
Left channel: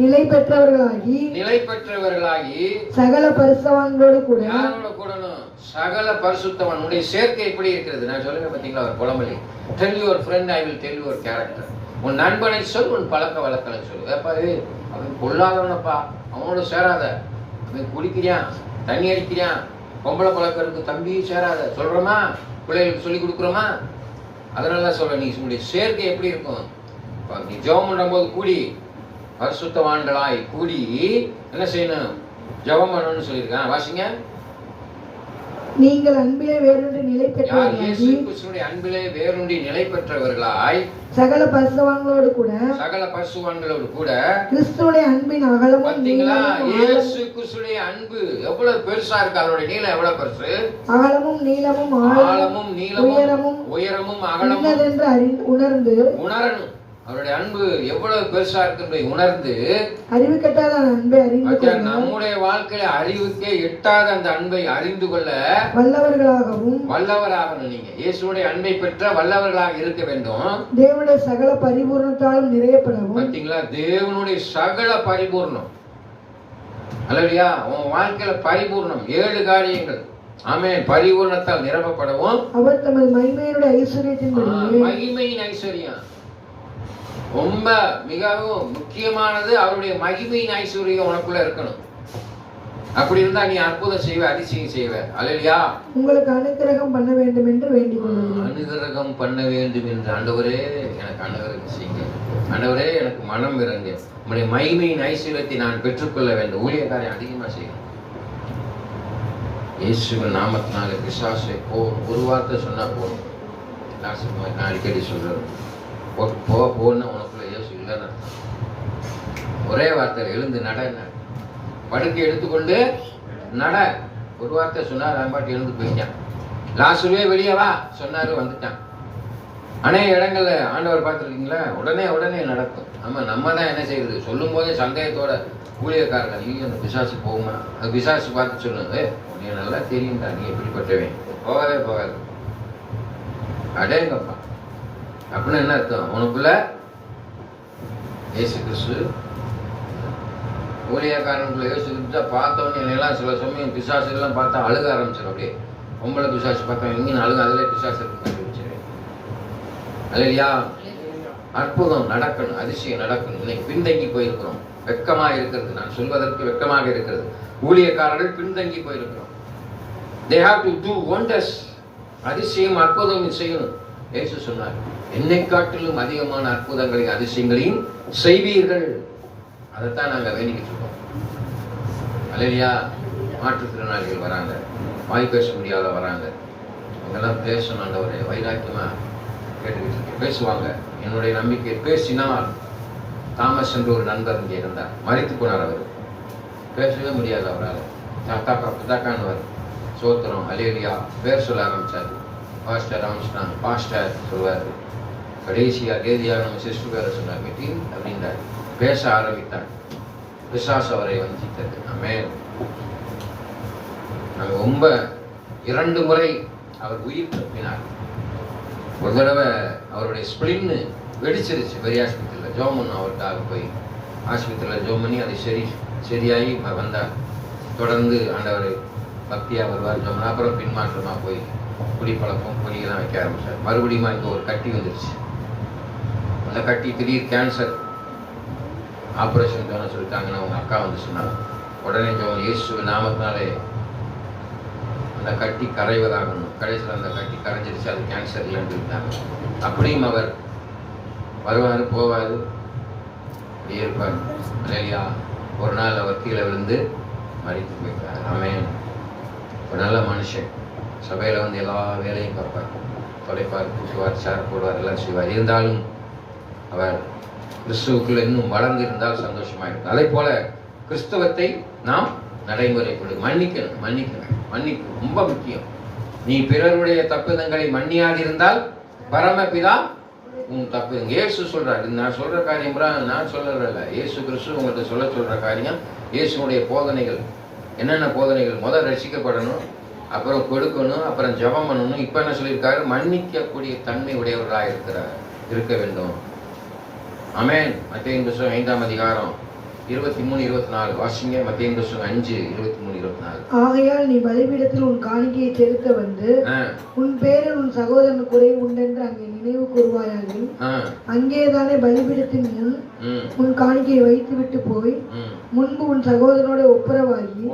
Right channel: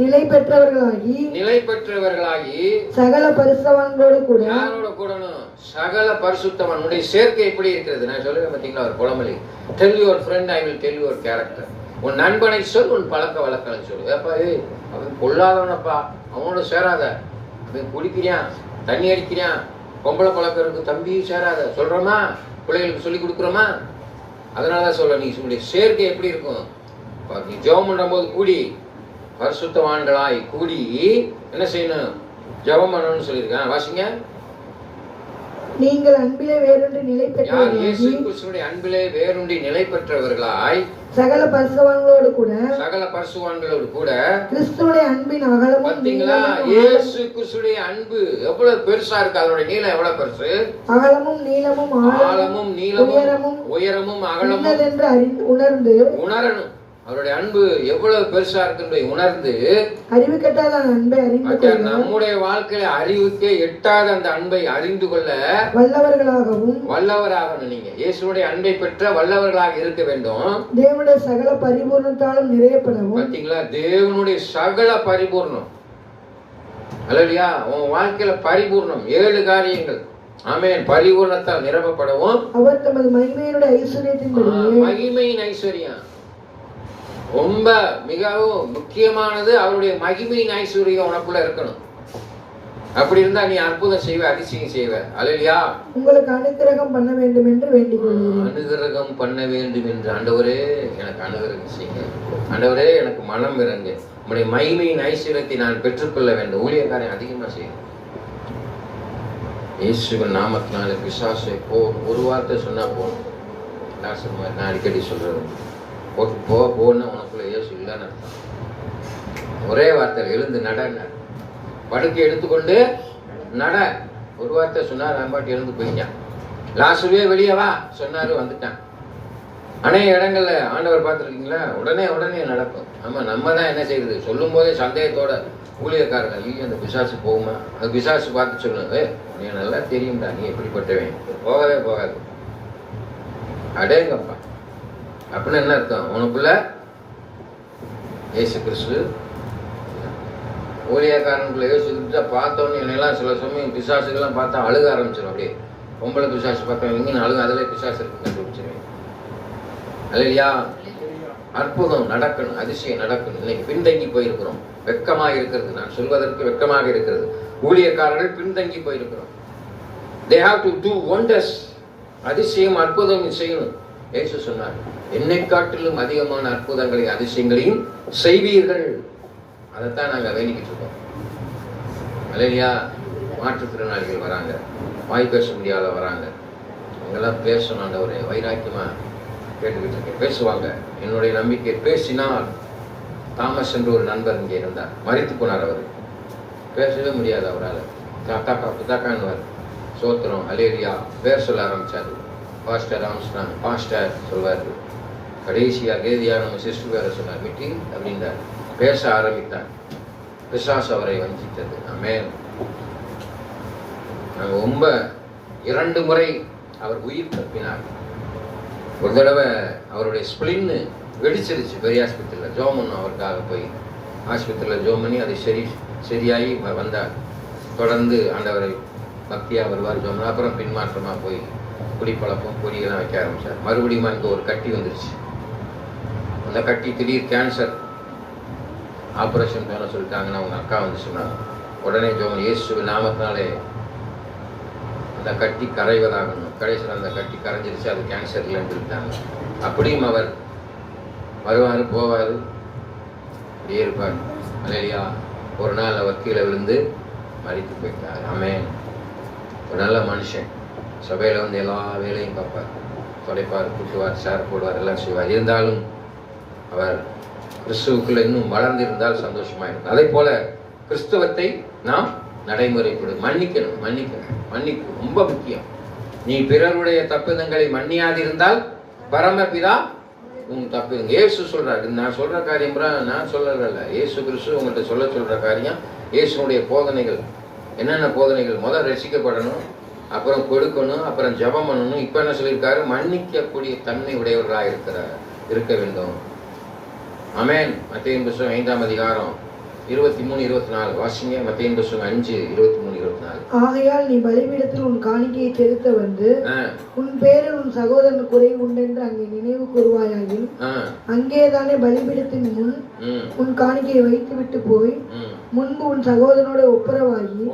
நிலை பெற்றவர்களாகி சகல பரிசுத்தவான்களோடு கூட. யாரோட கூடணும்? சகல பரிசுத்தவானுடைய சேர்க்கை எப்படி இருக்கிறது? நான் சொல்லுங்க பாத்தீங்களா ஒரு பழமொழி, tell your friend I will tell your character. உன் நண்பனை சொல், உன் பழக்க வழக்கம் சொல்லு. ஏப்பா அவன் பொல்லாதவனப்பா, அவனோட சேராத. குடிக்கிறியான், தண்ணி அடிக்கிறியான், பொம்பளை பழக்கிறதுக்கு தம்பி சேராத சொல்றோமா? பிள்ளைகளுக்கு சொல்லி கொடுக்குறோமா? அதனாலதான் சொல்றேன், நீ உன்னுடைய சேர்க்கை எப்படி இருக்கும்? நீ ஜெபம் பண்ணும் போது கூடி பரிசுத்தவான்களாய் கூடி என்ன செய்யணும்? ஜெபம் பண்ணணும்னு சொல்லியிருக்கேன். வாசிங்க. நீங்கள் அன்பிலே வேரூன்றி நிலை பெற்றவர்களாய், அன்பிலே வேரூன்றி நிலை பெற்றவர்களாய் சகல பரிசுத்தவான்களோடு கூட கிறிஸ்துவுடைய அன்பின் அகலமும் நீளமும். இயேசு கிறிஸ்துவுடைய அன்பு எவ்வளவு பெருசா இருக்கு, அதனுடைய நீளம் எவ்வளவு பெருசு? அகலமும் நீளமும் உயரமும் அகலமும் என்று உணர்ந்து உணரணும். அவருடைய அன்பு எவ்வளவு பெருசா இருக்கு உணர்ந்து, அறிவு கெட்டாத அன்பை அறிந்து, நம்முடைய வாழ்க்கையில அறிவுக்கே எட்டாத அந்த அன்பை அறிந்து கொள்ள வல்லவராகணும். நீங்க இயேசுடைய அன்பை பெற்ற வல்லவர்களாக இருக்க வேண்டும். தேவனுடைய சகல பரிபூர்ணத்தாலும் நிறையப்படவும். பாத்தீங்களா? தேவனுடைய சகல பரிபூர்ணம். அல்லையா? உன் வாழ்க்கையில பரிபூர்ணம் 7 காரியங்கள். ஆமென். பரிபூர்ணத்தால் நிரப்பப்படவும். அவர் தமது மகிமையினுடைய ஐஸ்வரியத்தின் மகிமையின் ஐஸ்வர்யம் ரொம்ப மிகவும் முக்கியமானது. அவருடைய மகிமையின் ஐஸ்வர்யம் உனக்குள்ள இருக்கணும். அப்படி இருந்தா நீ அற்புதம் செய்வ, அதிசயம் செய்வ. அல்லையா? உங்களுக்கு அனுக்கிரகம் பண்ண வேண்டும் என்று வேண்டிக் கொள்கிறேன். அனுக்கிரகம் பண்ண வேண்டும் என்று. ஆண்டவரே எனக்கு அனுக்கிரகம் செய்யுங்க. ஆண்டவரே எனக்கு மனம் இறங்கு. உங்களுடைய மகிமையின் ஐஸ்வர்யத்தை நான் பெற்றுக்கொள்ள வேண்டும். ஊழியக்காரன் அதிகமா செய்யணும். இயேசுவின் நாமத்தினால பிசாசை ஒரு வார்த்தை சொன்னா போகும். நான் அடிக்கடி சொல்றேன், போன்னு உனக்குள்ள இயேசு இல்லைன்னு. ஒரே வார்த்தை, எழுந்து நட. படுக்கை எடுத்துக்கொண்டு நட. ஒரு வார்த்தை சொன்னா பாட்டு எழுந்து போயிட்டான். லாஸ்ட்லயே வெளியே வா சொன்னாரு, வந்துட்டான். அநேக இடங்கள்ல ஆண்டவர் பார்த்துருக்கீங்களா? உடனே நடக்கும். ஆமா, நம்ம தான் என்ன செய்யுது? சொல்லும் போதே சந்தேகத்தோட ஊழியக்காரர்கள், நீங்க அந்த பிசாசு போகுமா? அந்த பிசாசு பார்த்து சொல்லுங்க, நீ நல்லா தெரியும்டா, நீ எப்படிப்பட்டவன், போகாது. அடேங்கப்பா, அப்படின்னு என்ன அர்த்தம்? உனக்குள்ள இயேசு கிறிஸ்து, ஊழியக்காரனுக்குள்ள இயேசு கிறிஸ்து பார்த்தவொன்னு என்னெல்லாம் சில சமயம் பிசாசுகள்லாம் பார்த்தா அழுக ஆரம்பிச்சிடும். அப்படியே பொம்பளை பிசாசு பார்த்தவங்க இங்கே அழுக, அதில் பிசாசு கண்டுபிடிச்சிருவேன். இல்லையா? அற்புதம் நடக்கணும், அதிசயம் நடக்கணும். இன்னைக்கு பின்தங்கி போயிருக்கிறோம், வெட்கமாக இருக்கிறது. நான் சொல்வதற்கு வெட்கமாக இருக்கிறது. ஊழியக்காரர்கள் பின்தங்கி போயிருக்கிறோம். They have to do wonders. அதிசயம் அற்புதம் செய்யணும். இயேசு சொன்னார், என்னை காட்டிலும் அதிகமான அற்புதங்களை அதிசயங்களையும் செய்வீர்கள். அதைத்தான் நாங்கள் வேண்டிக்கிட்டு இருக்கோம். இல்லையா? மாற்றுத்திறனாளிகள் வராங்க, வாய் பேச முடியாத வராங்க. அவங்கெல்லாம் பேசணும். ஆண்டவரே வைராக்கியமா கேட்டுக்கிட்டு பேசுவாங்க. என்னுடைய நம்பிக்கை பேசினால், தாமஸ் என்று ஒரு நண்பர் இங்கே இருந்தார், மறைத்து போனார். அவர் பேசவே முடியாது அவரால். பிதாக்கான்னு சோத்திரம் அலேலியா பேர் சொல்ல ஆரம்பிச்சாரு. பாஸ்டர் ராமஸ்தான் பாஸ்டர் சொல்வார். கடைசியா தேதியா நம்ம சிஸ்டர் பேரை சொன்னார், வெற்றி அப்படின்றார். பேச ஆரம்பித்தார். பிசாசு அவரை வஞ்சித்தது. ரொம்ப 2 முறை அவர் உயிர் தப்பினார். ஒரு தடவை அவருடைய ஸ்பிளின் வெடிச்சிருச்சு பெரிய ஆஸ்பத்திரியில். ஜோமன் அவருக்காக போய் ஆஸ்பத்திரியில் ஜோம் பண்ணி அது சரியாகி வந்தார். தொடர்ந்து ஆண்டவரை பக்தியாக வருவார், ஜோமன். அப்புறம் பின்மாற்றமாக போய் குடிப்பழக்கம் பொடியெல்லாம் வைக்க ஆரம்பிச்சார். மறுபடியும் அங்கே ஒரு கட்டி வந்துருச்சு. அந்த கட்டி திடீர் கேன்சர், ஆப்ரேஷன் பண்ண சொல்லிட்டாங்கன்னு அவங்க அக்கா வந்து சொன்னாங்க. உடனே ஜோமன் இயேசு நாமத்தினாலே அந்த கட்டி கரைவதாகணும். கடைசியில் அந்த கட்டி கரைஞ்சிருச்சு, அது கேன்சர் இல்லைன்னு சொல்லிட்டாங்க. அப்படியும் அவர் வருவார், போவார், இருப்பார். இல்லையா? ஒரு நாள் அவர் கீழே விழுந்து மறித்து போயிட்டார். ஆமென். ஒரு நல்ல மனுஷன், சபையில வந்து எல்லா வேலையும் பார்ப்பார், தொலைப்பார், கூட்டுவார், சேர் போடுவார், எல்லாம் செய்வார். இருந்தாலும் அவர் கிறிஸ்துவுக்குள்ள இன்னும் வளர்ந்திருந்தால் சந்தோஷமா இருக்கும். அதே போல கிறிஸ்தவத்தை நாம் நடைமுறைப்படும். மன்னிக்கணும், மன்னிக்கணும், மன்னிப்பு ரொம்ப முக்கியம். நீ பிறருடைய தப்புதங்களை மன்னியாதிருந்தால் பரமபிதா உங்க தப்பு. இயேசு சொல்றாரு, நான் சொல்ற காரியம் நான் சொல்றதில்ல, இயேசு கிறிஸ்து உங்கள்கிட்ட சொல்ற காரியம், இயேசுனுடைய போதனைகள். என்னென்ன போதனைகள்? முதல் ரசிக்கப்படணும், அப்புறம் கொடுக்கணும், அப்புறம் ஜெபம் பண்ணணும். இப்ப என்ன சொல்லியிருக்காரு? மன்னிக்கக்கூடிய தன்மை உடையவர்களாக இருக்க வேண்டும். ஆமென். மத்தேயு புத்தகம் 5ஆம் அதிகாரம் 23-24 வாசிங்க. மத்தேயு புத்தகம் 5:23-24. ஆகையால் நீ பலிபீடத்தில் உன் காணிக்கையை செலுத்த வந்து உன் பேரில் உன் சகோதரன் குறை உண்டென்று அங்கே நினைவு கூறுவாயாகி அங்கேதானே பலிபீடத்தின் முன் உன் காணிக்கையை வைத்து விட்டு போய் முன்பு உன் சகோதரனோட ஒப்புரவாகி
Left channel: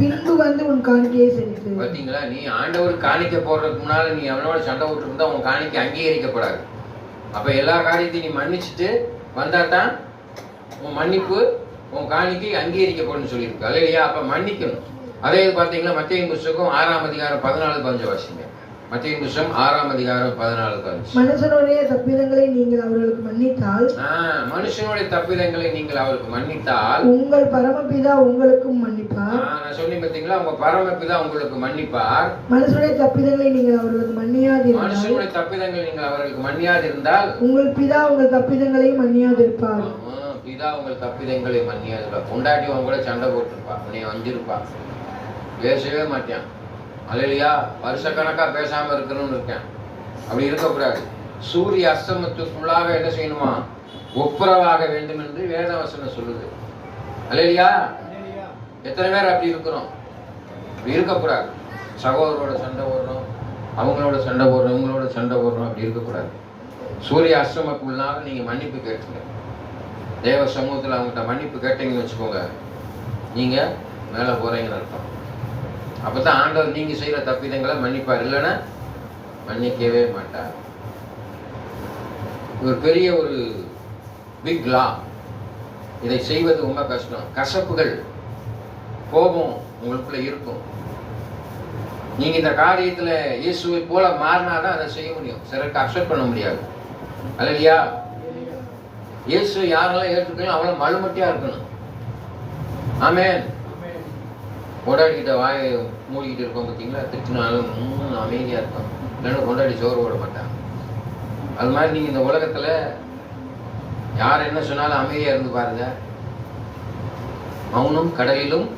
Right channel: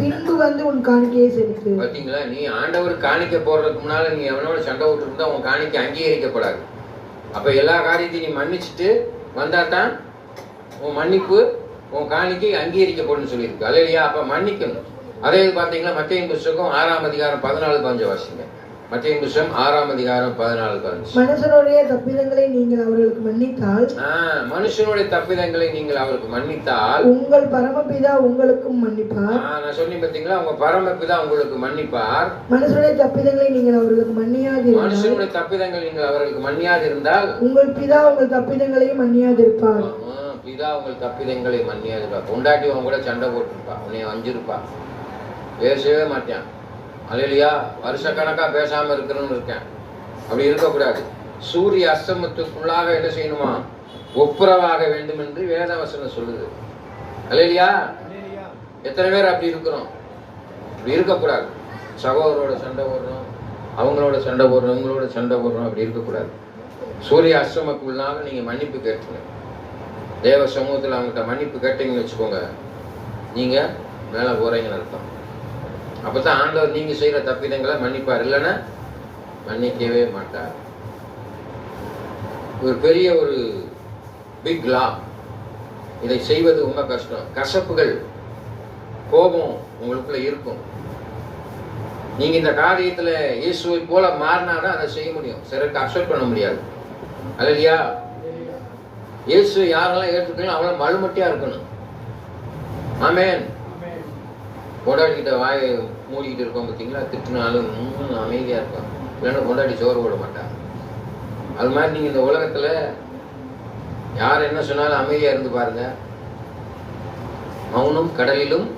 பின்பு வந்து உன் காணிக்கையை செலுத்து. பாத்தீங்களா? நீ ஆண்டவர் காணிக்கை போடுறதுக்கு முன்னால நீ அவனோட சண்டை விட்டு இருந்தா உன் காணிக்கை அங்கீகரிக்கப்படாது. அப்ப எல்லா காரியத்தையும் நீ மன்னிச்சுட்டு வந்தாதான் உன் மன்னிப்பு, உன் காணிக்கை அங்கீகரிக்கப்படும் சொல்லியிருக்கு. அல்லையா? அப்ப மன்னிக்கணும். அதே பாத்தீங்கன்னா மத்தேயு புத்தகம் 6ஆம் அதிகாரம் 14-15 வாசிங்க. மத்தேயு புத்தகம் 6ஆம் அதிகாரம் 14-15. மனுஷனுடைய தப்பிதங்களை நீங்கள் அவர்களுக்கு மன்னித்தால், மனுஷனுடைய தப்பிதங்களை நீங்கள் அவருக்கு மன்னித்தால் உங்கள் பரமபிதா உங்களுக்கும் மன்னிப்பார். நான் சொன்னேன் பாத்தீங்களா? உங்க பரமபிதா உங்களுக்கு மன்னிப்பார். மனுஷனுடைய தப்பிதங்களை நீங்கள் அவர்களுக்கு மன்னியாதிருந்தால், மனுஷனுடைய தப்பிதங்களை நீங்கள் அவர்களுக்கு மன்னியாதிருந்தால் உங்கள் பிதா உங்கள் தப்பிதங்களையும் மன்னியாதிருப்பார். பிதா உங்கள் தப்பிதங்களை மன்னியாதிருப்பார். பொண்டாட்டி உங்க கூட சண்டை போட்டிருப்பா, உன்னை வஞ்சிருப்பா, பேசவே மாட்டேன். அல்லையா? வருஷக்கணக்கா பேசாம இருக்கணும்னு இருக்கேன். அப்படி இருக்கக்கூடாது. சூரிய அஸ்தமத்துக்குள்ளாக என்ன செய்யணுமா? ஒப்புரவாக வேண்டும் என்று வேதவசனம் சொல்லுது. அல்லையா? எத்தனை பேர் அப்படி இருக்கிறோம்? அப்படி இருக்கக்கூடாது. சகோதரோட சண்டை போடுறோம், அவங்களோட சண்டை போடுறோம், இவங்களோட சண்டை போடுறோம், அப்படி இருக்கக்கூடாது. சூரிய அஸ்தமத்துக்குள்ளாக நீங்க மன்னிப்பு கேட்கணும். தேவ சமூகத்தில் அவங்கள்ட்ட மன்னிப்பு கேட்டீங்கன்னு வச்சுக்கோங்க, நீங்க மேல போறீங்கன்னு அர்த்தம். அப்பதான் ஆண்டவர் நீங்க செய்யற தப்பிதங்களை மன்னிப்பார். இல்லைன்னா மன்னிக்கவே மாட்டார். ஒரு பெரிய ஒரு பிக் லா. இதை செய்வது ரொம்ப கஷ்டம். கசப்புகள், கோபம் உங்களுக்குள்ள இருக்கும். நீங்க இந்த காரியத்துல இயேசுவை போல மாறினாதான் அதை செய்ய முடியும். சிலருக்கு அக்செப்ட் பண்ண முடியாது. அல்லையா? இயேசு யாரெல்லாம் ஏற்றுக்கணும் அவங்கள மழுமட்டியா இருக்கணும். ஆமென். கொண்டாடிக்கிட்ட வாயை மூடிக்கிட்டு இருக்கோம் பார்த்தீங்களா? திட்டினாலும் அமைதியா இருக்கும். இல்லைன்னா கொண்டாடி சோறு போட மாட்டாங்க. அது மாதிரி நீங்க இந்த உலகத்துல யார் என்ன சொன்னாலும் அமைதியா இருந்து பாருங்க. மௌனம் கடலிலும்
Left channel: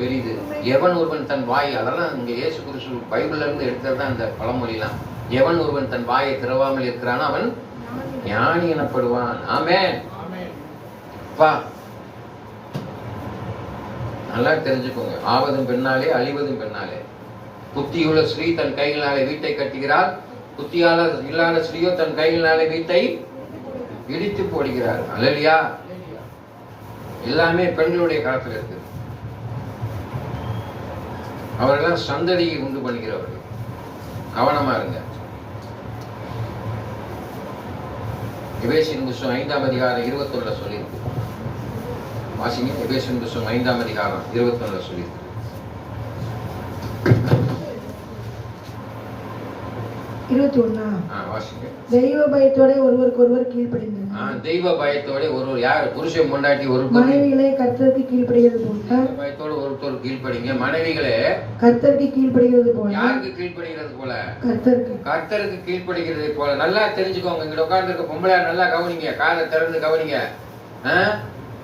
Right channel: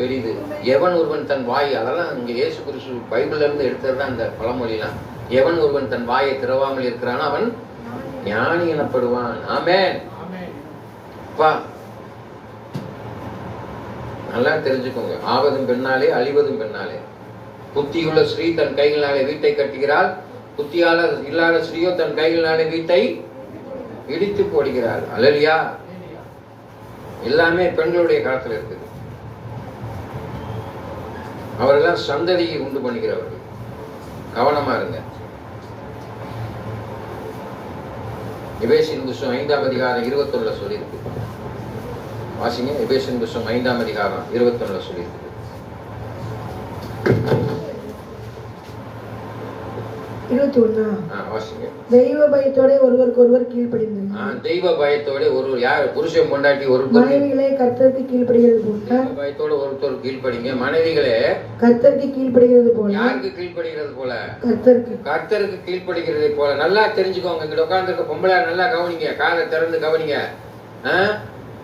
பெரிது. எவன் ஒருவன் தன் வாய், அதெல்லாம் இங்க இயேசு கிறிஸ்து பைபிள்ல இருந்து எடுத்ததுதான் இந்த பழமொழிலாம். எவன் ஒருவன் தன் வாயை திறவாமல் இருக்கிறானோ அவன் ஞானி எனப்படுவான். ஆமென். நல்லா தெரிஞ்சுக்கோங்க. ஆவதும் பெண்ணாலே அழிவதும் பெண்ணாலே. புத்தியுள்ள ஸ்ரீ தன் கைகளினாலே வீட்டை கட்டுகிறாள், புத்தியாளர் இல்லாத ஸ்ரீயோ தன் கைகளினாலே வீட்டை இடித்து போடுகிறார். அல்லையா? எல்லாமே பெண்களுடைய காலத்தில் இருக்கு. அவர்கள் சந்ததியை உண்டு பண்ணுகிறவர்கள். கவனமா இருங்க. எபேசியர் புத்தகம் 5ஆம் அதிகாரம் 21 சொல்லியிருக்கு. வாசிங்க. எபேசியர் புத்தகம் 5ஆம் அதிகாரம் 21 சொல்லியிருக்கு. தெய்வ பயத்தோட ஒருவருக்கு ஒருவர் கீழ்ப்படிந்தார். தெய்வ பயத்தோட ஒருவர், யார்? புருஷன் பொண்டாட்டி ஒரு மனைவிகளே கர்த்தருக்கு கீழ்ப்படிகிறது போல. தெய்வ பயத்தோட ஒருத்தர் கீழ்ப்படிங்க. மனைவிகளே கர்த்தருக்கு கீழ்ப்படிகிறது போல. யாருக்கு கீழ்ப்படிகிறது போல? கர்த்தருக்கு கீழ்ப்படிகிறது போல. நல்லா தெரிஞ்சுக்கோங்க. இங்க உட்கார்ந்து இருக்க பொம்பளை நல்லா கவனிங்க, காதை திறந்து கவனிங்க.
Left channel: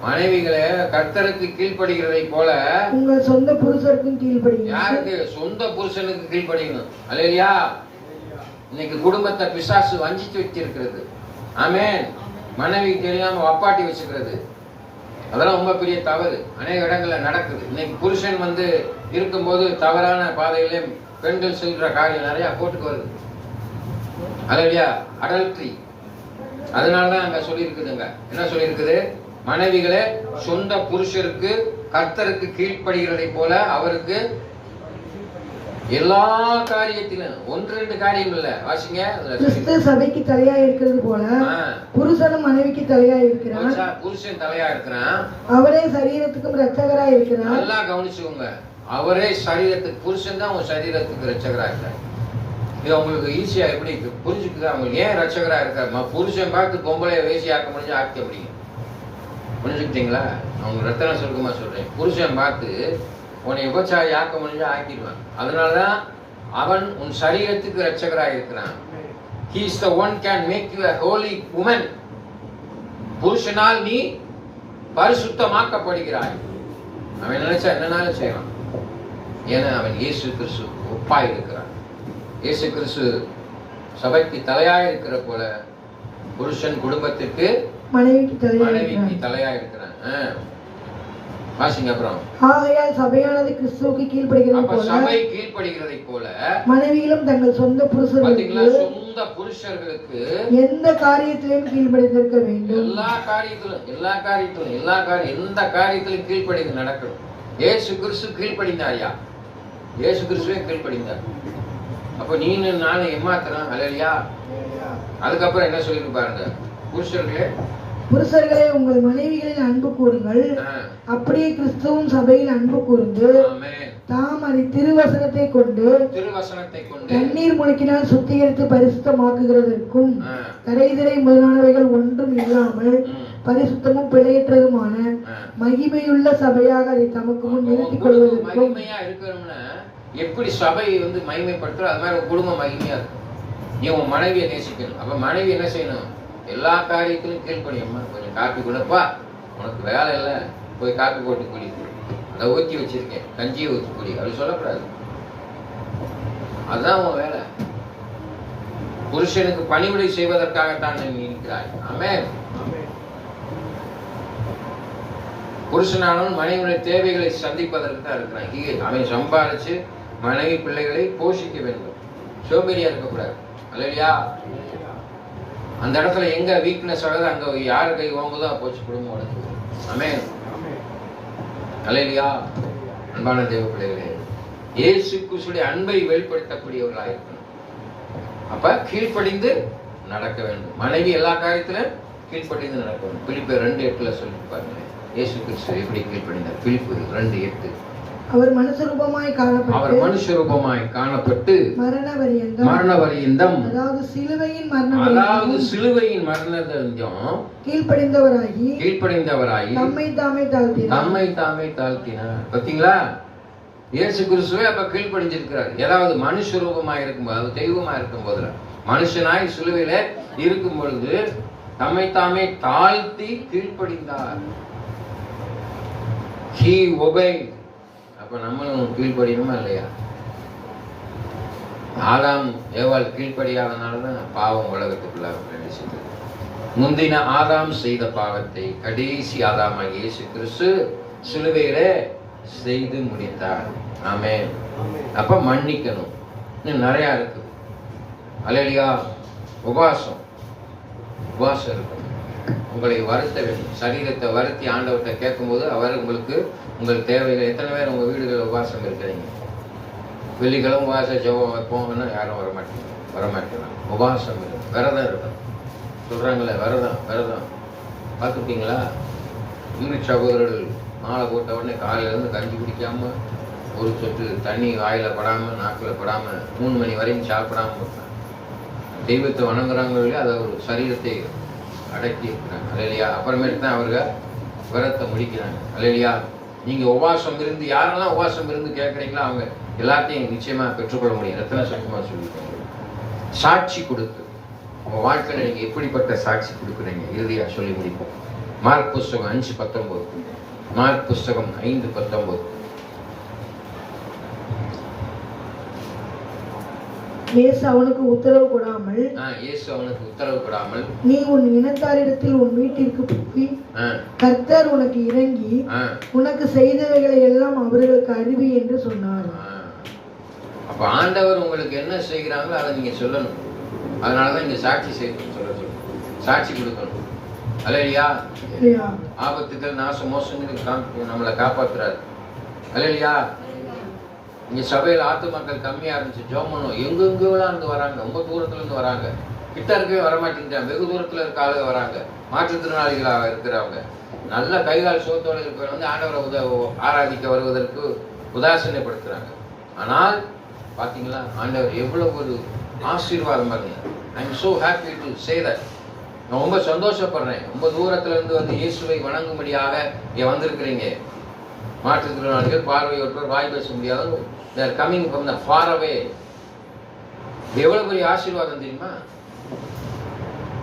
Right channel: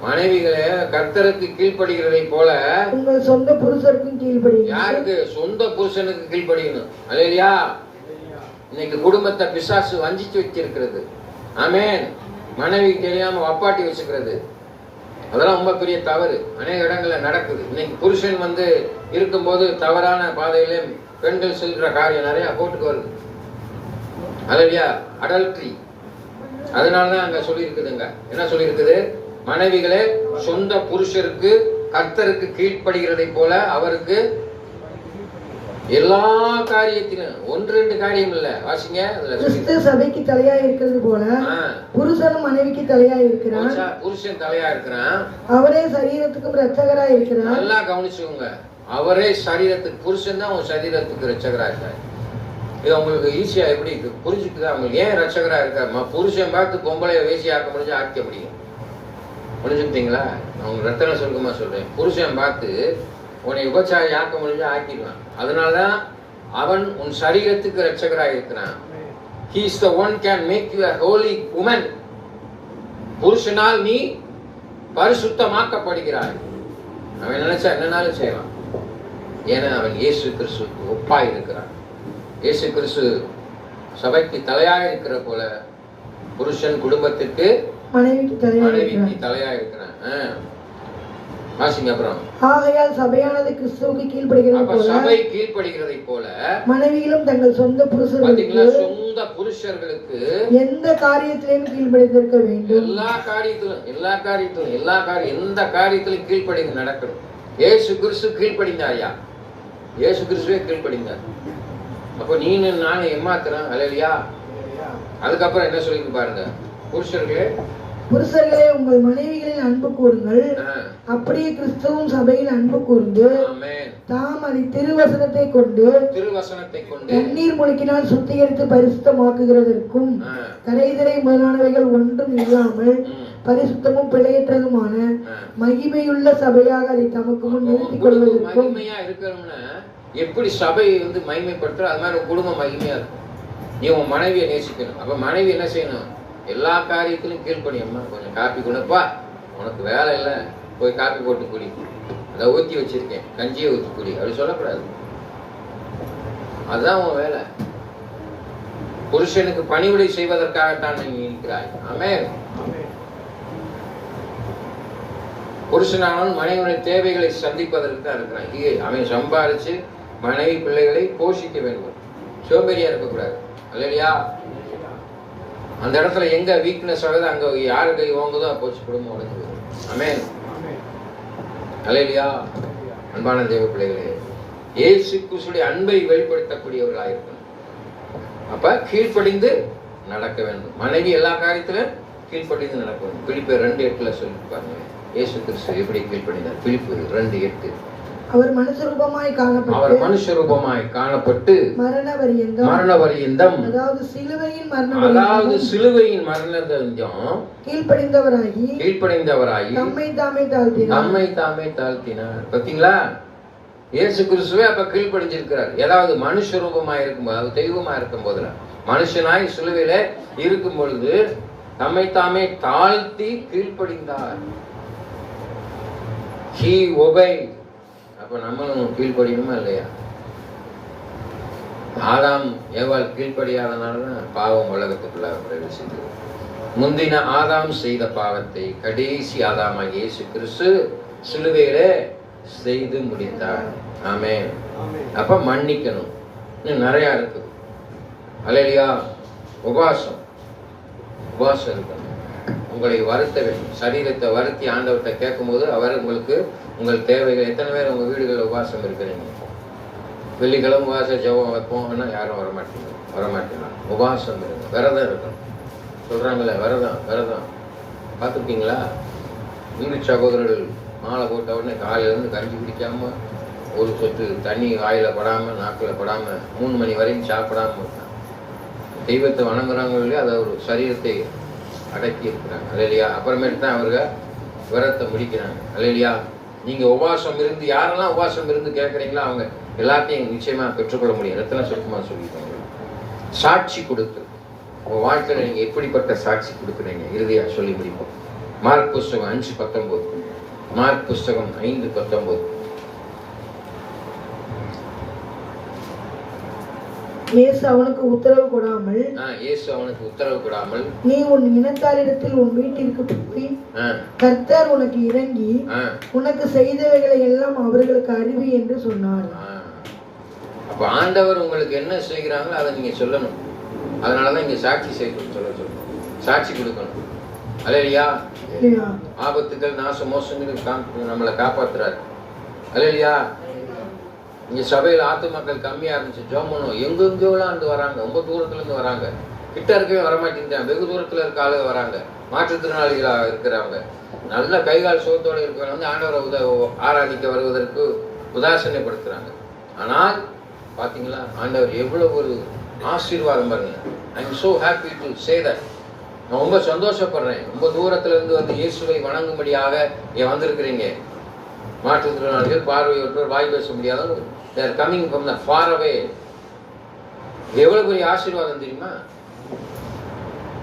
மனைவிகளே கர்த்தருக்கு கீழ்ப்படுகிறதை போல உங்கள் சொந்த புருஷனுக்கும் கீழ்ப்படிங்க. யாருக்கு? சொந்த புருஷனுக்கு கீழ்ப்படியணும். அல்லையா? இன்னைக்கு குடும்பத்தை பிசாசு வஞ்சித்து வச்சிருக்கிறது. ஆமென். மனைவி தெரியாம அப்பாட்டி வச்சுக்கிறது, அதெல்லாம் ரொம்ப பெரிய தவறு. அநேக இடங்கள்ல நடக்குது. இன்னைக்கு புருஷன் இருக்கும்போது தவறான பாதையில பெண்கள் செல்ற காரியம் நிறைய போட்டுக்கு வருது. அல்லையா? அடல்ட்ரி. அதனாலதான் அங்க சொல்லி இருக்குதுங்க. என்ன சொல்லி இருக்குது? மனைவிகளே சொந்த புருஷருக்கு கர்த்தருக்கு கீழ்ப்படுகிறதை போல அவருக்கு எல்லா காரியத்திலும் 1-2 காரியம் இல்ல, வாசிங்க. கிறிஸ்து சபைக்கு தலையா இருக்கிறது போல புருஷனும் மனைவிக்கு தலையா இருக்கிறான். புருஷன் தலையா இருக்கிறான், அவரே சரீரத்துக்கும் இரட்சகரா இருக்கிறார். நல்லா கவனிச்சுங்க, அவரே சரீரத்துக்கு, புருஷன் தான் உங்க சரீரத்துக்கு இரட்சகரா இருக்கிறார். இது உங்களுக்கு ஈஸியா எப்படி புரிஞ்சுக்குதா? அவங்க ஏன் ரட்சகரா இருக்காரு? புருஷன் பார்த்து பொம்பளை வேசி ஆக்க முடிஞ்சு ஆக்க முடியும். புரிஞ்சுக்கிட்டீங்களா? அவங்க ரத்தன சுருக்கமா சொல்றேன். புருஷன் பார்த்து உன்னை விபச்சாரி ஆக்க முடிஞ்சு ஆக்கிடுவான். அதனாலதான் அவன் உன் சரீரத்துக்கு ரட்சகரா இருக்கிறான். He is the one can make you a holy woman. புருஷனால் நீ பரிசுத்தமாக்கப்படுகிறாய். அவன் நினைச்சா என்னன்னாலும் செய்யலாம். ஏன்னா அவன் இயேசு கிறிஸ்து ஒப்பாய் இருக்கிறான். இயேசு கிறிஸ்து சபைக்கு தலையா இருக்கிற போல புருஷன் குடும்பத்திற்கு மனைவிக்கு தலையா இருக்கிறான். வாசிங்க அப்புறம். ஆகையால் சபையானது கிறிஸ்துவுக்கு கீழ்ப்படிகிறது போல, சபை கீழ்ப்படிகிறதை போல மனைவிகளும் தங்கள் சொந்த புருஷர்களுக்கு எந்த காரியத்திலும் கீழ்ப்படிந்திருக்க வேண்டும். எல்லா காரியத்திலும் எந்த காரியத்திலும் கீழ்ப்படிந்து நடக்கணும். இயேசு கிறிஸ்து கீழ்ப்படிந்தாயா? இயேசு கிறிஸ்துவே கீழ்ப்படிந்தார். அப்ப நீனு நானும் ஏமாத்துறான். அல்லையா? அதுக்கப்புறம் என்ன சொல்லிட்டு பாருங்க, புருஷர்களே உங்கள் மனைவிகளில் அன்பு கூறுங்கள், அப்படியே கிறிஸ்துவும் சபையில் அன்பு கூர்ந்து தாம் அதை திருவசனத்தை கொண்டு தண்ணீர் முழுக்கினால் சுத்திகரித்து பரிசுத்தமாக்குகிறதற்கும் கரைதிரை முதலானவைகள் ஒன்றும் இல்லாமல் பரிசுத்தமும் பிழையற்றதுமான மகிமையுள்ள சபையாக அதை தமக்கு முன் நிறுத்திக் கொள்வதற்கும். எப்படி சபை மகிமைப்படுத்துற அது மாதிரி குடும்பம் மகிமையா இருக்கும். நீ உன் மனைவியை நேசிக்கணும். அப்ப மனைவி என்ன செய்யணும்? எல்லா காரியத்திலும் கீழ்ப்படியம்மா, கொஞ்சம் காப்பி கொடுப்பா, உனக்கு வேலை இல்லை, போய் காப்பி போட்டு குடி, அதை ஊற்றி வச்சிருக்கேன், கஞ்சியை ஊற்றி குடி, அப்படி சொல்லக்கூடாது. அதுதான் உன் வேலை. புருஷனுக்கு பணிவிடை செய்வதற்காகத்தான் நீ இருக்கிறாய். ஆமென். புருஷனானவன் மனைவியுடைய தேவைகளை சந்திப்பதற்கு தான் இருக்கிறான். அவன் சம்பாதிச்சு மனைவி பிள்ளைகளை போஷிக்க வேண்டும். சோம்பேறியா இருக்கக்கூடாது. அல்லையா? அந்த இடத்துல எங்க வீக்னஸ் வருது, அங்க யாரு கை வாங்குதோ போச்சு குடும்பம் உடஞ்சு. ஆமென். அல்லையா? அன்பான தேவ பிள்ளைகளே, இயேசு கிறிஸ்துவின் அன்பை வெளிப்படுத்தக்கூடியவர்களாக இருக்கணும். அப்ப கீழ்ப்படிந்து நடக்க வேண்டும். மனைவி எல்லா காரியத்திலும் கீழ்ப்படிந்து நடக்க வேண்டும். பிலிப்பியர் 2:8 சொல்லி பாருங்க, இயேசு கிறிஸ்து எப்படி கீழ்ப்படிந்தார். பிலிப்பியர் 2:8. அவர் மனுஷரூபமாய் காணப்பட்டு மரண பரியந்தம், அதாவது சிலுவையின் மரணதண்டம் கீழ்ப்படிந்தவராகி நம்மை தாமே தாழ்த்தினார். பாத்தீங்களா? இயேசு கிறிஸ்துவே அப்ப கீழ்ப்படிஞ்சிருக்கிறார். ஏதாவது மனுஷ ரூபமாய் இருக்கும்போது, தெய்வமா இருக்கும் போது, மனுஷனாய் சிலுவையில இருக்கும் பொழுது நம்மை தாமே தாழ்த்தி கீழ்ப்படிந்தார். He obeyed. அப்ப நம்மளும் கீழ்ப்படியுமா இல்லையா? ஆதாம் ஏவாள் கீழ்ப்படியாதனாலதான் பாவம் உலகத்துக்குள்ள பிரவேசித்தது. முந்தின ஆதாம் செய்த பாவத்தை கடைசி ஆதாமாக இயேசு கிறிஸ்து சிலுவையிலே செய்து முடித்தார். ஆமென். அப்ப மன்னிக்கணும். இன்னும் நிறைய இருக்கு. அல்லேலூயா. உபவாசம் இருக்கும். உங்களை வருத்த வேண்டும். சரீரத்தை வருத்தி ஆண்டவர்கிட்ட கேட்கும் போது அவர் உங்களுக்கு உங்கள் தேவைகள். எத்தனை பேர் உங்க வீடுகள் உபவாசம் இருக்கிறீங்க? வெள்ளிக்கிழமை உபவாசம் ஜெபம் வைப்போம்னா யாரும் வரமாட்டீங்க. உபவாசம் இருக்கும், விரதம் இருக்கும். சொல்றாங்களே விரதம் பார்த்துருக்கீங்களா? இங்கிலீஷ் சகோதரர்கள் மாலை போட்ட உடனே காலையிலேருந்து கஞ்சி குடிக்காம, ஒரு சொட்டு தண்ணி வாயில படாம, நாக்கில படாம 3 மணி வரைக்கும் சாப்பிடாம தெய்வத்தை வணங்குறவங்களே அதை ஒரு சரீரத்தை அடக்கி இருக்கிறாங்க. இல்லையா? அப்புறமேட்டு தான் அவர்கள் விரதத்தை முடிக்கிறாங்க. இல்லையா? நீங்க உபவாசம் இருந்து, யாரெல்லாம் உபவாசம் இருந்து கேட்கறீங்களோ அவங்க எல்லாத்தையும் நிச்சயமா பெற்றுக்கொள்ள முடியும். ரத்தன சட்டமா சொல்லியிருக்காங்க. சாட்சி கொடுக்குறது. உங்க வாழ்க்கையில நீங்க எப்படிப்பட்ட சாட்சி கொடுக்குறீங்க? இறுதியா சொல்லி முடிப்போம். மார்க் புஸ்தகம் 5:19. மார்க் புஸ்தகம் 5:19. இயேசு அவனுக்கு உத்தரவு கொடாமல் நீ உன் இனத்தாரிடத்தில் உன் வீட்டிற்கு போய் கர்த்தர் உனக்கு இறங்கி உனக்கு செய்தவைகளை எல்லாம் அவர்களுக்கு அறிவி என்று சொன்னார். அப்ப ஆண்டவர் உங்களுக்கு என்ன செய்கிறாங்களோ அதை நீங்க சொல்லணும். அதனாலதான் இங்க சாட்சி செய்யணும். சாட்சி கொடுக்கணும். அல்லேலூயா. ஆபத்துகள், நாச மோசங்கள் நம்மளை காப்பாத்துறாரு. அல்லேலூயா. இங்க சபையில் ஆத்து மக்கள் கம்மியா இருந்துச்சு, ஜெபம் பண்ணுவோம். எங்கெங்கெல்லாம் இருந்து வராங்க, ரொம்ப தூரத்துல இருந்து வராங்க, கிட்ட இருக்கவே வரமாட்டேங்கிறாங்க, வெகு தூரத்துல இருக்க ஆளுக வராங்க, மாற்றுத்திறனாளிகளாக இருக்கிறாங்க, நல்ல கைகால் சோத்தோடு இருக்கிறவங்க வந்து ஆண்டவரை ஆராதிக்க வருவதற்கு உதாசீனப்படுத்துறாங்க. ஆனால் பாத்தீங்களா, ஆண்டவர் எவ்வளவு ஒரு ஆசீர்வாதம் பாருங்க. I am so happy to say that. நான் ரொம்ப சந்தோஷப்படுறேன். ரொம்ப தூரத்துல இருந்து வந்து இயேசுவை வணங்கும்படியாக இங்க வந்திருக்கிறீங்க. மாற்றுத்திறனாளிகள், பார்வையற்றோர், வாய் பேச முடியாதவங்க, they are coming from the far away. எவ்வளவு பெரிய ஆசீர்வாதம் தெரியுமா?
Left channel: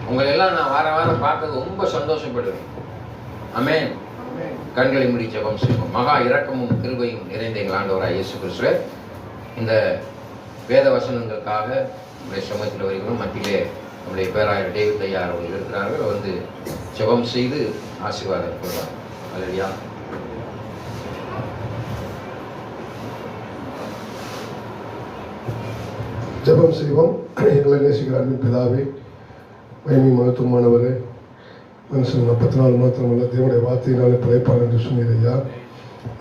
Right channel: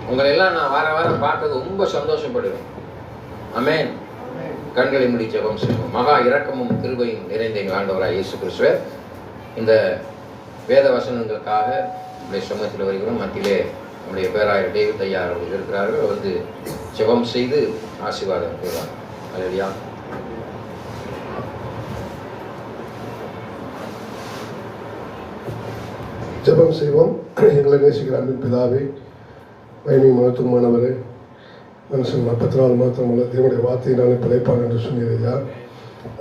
உங்களை எல்லாம் நான் வார வாரம் பார்க்கறது ரொம்ப சந்தோஷப்படுறேன். ஆமென். கண்களை மூடி ஜெபம் செய்வோம். மகா இரக்கமும் கிருபையும் நிறைந்த எங்கள் ஆண்டவராகிய இயேசு கிறிஸ்துவே, இந்த வேத வசனங்களுக்காக இந்த சமூகத்தில் வருகிறோம். மத்தியிலே நம்முடைய பேராயர் டேவிட் ஐயா அவர்கள் இருக்கிறார்கள். வந்து ஜெபம் செய்து ஆசீர்வாதம் கொள்வார். அல்லேலூயா. ஜெபம் செய்வோம். எங்களை நேசிக்கிற அன்பு பிதாவே, மகிமை மகத்துவமானவரே, மனுஷன் 44 மாத்திரமல்ல தேவனுடைய வார்த்தையினாலே பிழைப்பான் என்று சொன்னீரையா.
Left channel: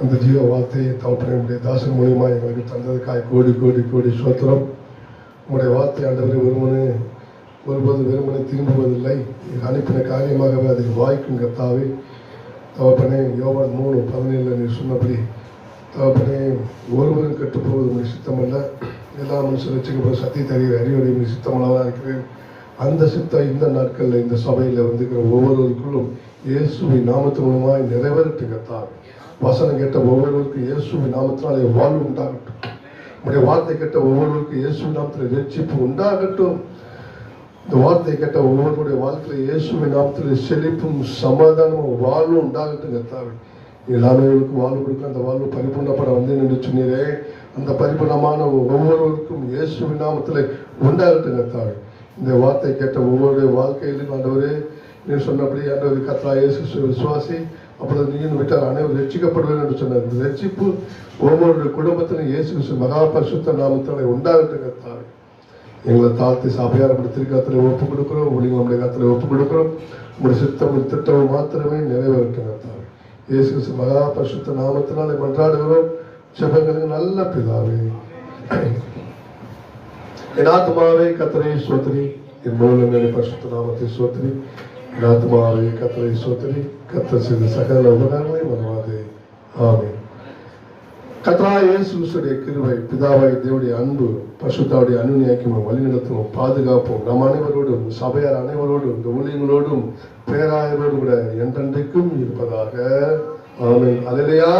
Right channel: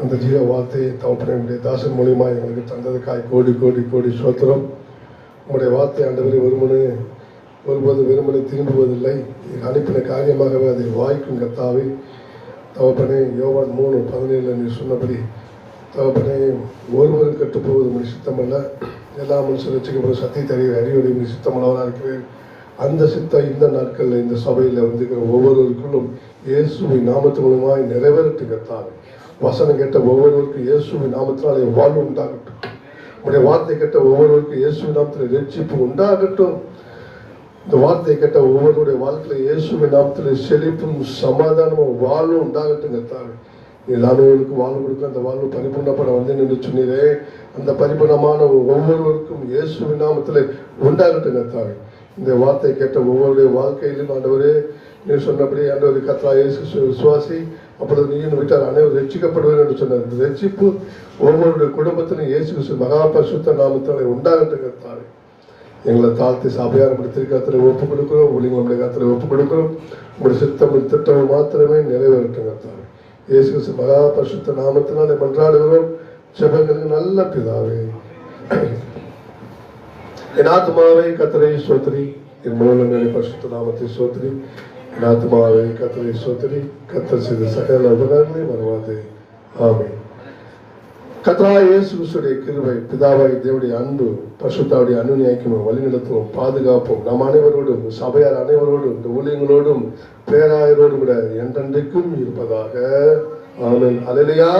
அந்த ஜீவ வார்த்தையை தவப்படைய தாசன் மூலியமாக எங்களுக்கு தந்ததுக்காய் கோடி கோடி கோடி சோத்திரம். உங்களுடைய வார்த்தை ஆண்டவரை ஒருபோது வெறுமனை திரும்புவதில்லை, அனுப்பின காரியமாகவே அதை வாய்க்கும் கர்த்தாவே. தவப்பனே, யோவான் 3:17 நீ சொன்னபடி தவப்பனே, ஒருவரும் கட்டுப்போவது சித்தமல்ல, எல்லா மனுஷன் வச்சுக்கப்படுற சத்தியத்தை அறிவுரை சித்தமானதாக இருக்கிறேன். அந்த சித்தம் இந்த நாட்களில் இந்த சபையில் வந்துக்கிற ஒவ்வொருவருக்குள்ளும் இயேசுவின் நாமத்தின் மூலமாய் நிறைவேறட்டுங்கத்தான். வசனம் கேட்ட ஒவ்வொருவருக்கும் இயேசுவின் நாமத்தினாலே வாழ்வு உண்டாகட்டும். உடைய வார்த்தை கேட்ட ஒவ்வொருவருக்கும் இயேசுவின் நாமத்தில் வெற்றிப்பு உண்டாகட்டும். இந்த வார்த்தை கேட்ட ஒவ்வொருடைய வாழ்க்கையில் இயேசுவின் நாமத்தில் செழிப்பும் சமாதானமும் வாழ்வும் உண்டாகட்டுங்கத்தான். எல்லாருக்கும் வாழ்வு கொடுக்க அந்த வாழ்வு பரிபூர்ணப்பட வந்தேன் என்று சொன்னீரே, அந்த பரிபூர்ணமான ஒவ்வொருவருக்கும் இயேசுவின் நாமத்தில் உண்டாகட்டுங்கத்தான். இந்த வார்த்தை கேட்ட ஒவ்வொருடைய வாழ்க்கையிலும் ஆண்டவரே, நீ சொன்னபடி ஆண்டவரை கர்த்தா இயேசு விசுவாசி, அப்பொழுது நீயும் விட்டார் அனைவரும் ரட்சிக்கப்படுவேன் என்று சொன்னார். இந்த ரட்சிப்பு ஒவ்வொருடைய குடும்பத்திலும் இயேசு கிறிஸ்து மகா பரிசுத்த நாமத்தாலே உண்டாகட்டுங்கத்தான். எங்களை தாழ்த்தி சபையாரப்படுத்திருக்கிறத்துல ஒப்புக் கொடுக்கிறோம். உங்களுக்கு நம்முடைய கருத்தில் ஒப்புக் கொடுக்கிறோம். உங்களுடைய சித்தமும் திட்டமும் மாத்திரமே நிறைவேறட்டுங்கத்தான். இயேசு கிறிஸ்து மகா பரிசுத்த நாமத்தினாலே மன்றாடுகிறோம். ஜெபங்களின் நல்ல பிதாவே. என் ஆத்துமாவே கர்த்தரை ஸ்தோத்திரி, என் முழு பரிசுத்த நாமத்தை ஸ்தோத்திரி. என் ஆத்துமாவே கர்த்தரை ஸ்தோத்திரி, கர்த்தர் செய்த சகல உபகாரங்களை மறவாதே. ஆமென். கர்த்தராகிய இயேசு கிறிஸ்துவின் கிருபை, பிதாவாகிய தேவனுடைய அன்பு, பரிசுத்தாவுடைய அனுநியாயமும் வழிநடத்தும் பாதுகாப்பும் நம் அனைவரோடும், சபையார் அனைவரோடும், இந்த ஊழியங்களோடும், பேராயரோடும் கூட என்றென்றைக்கும் இருப்பதாக. ஆமென். அல்லேலூயா.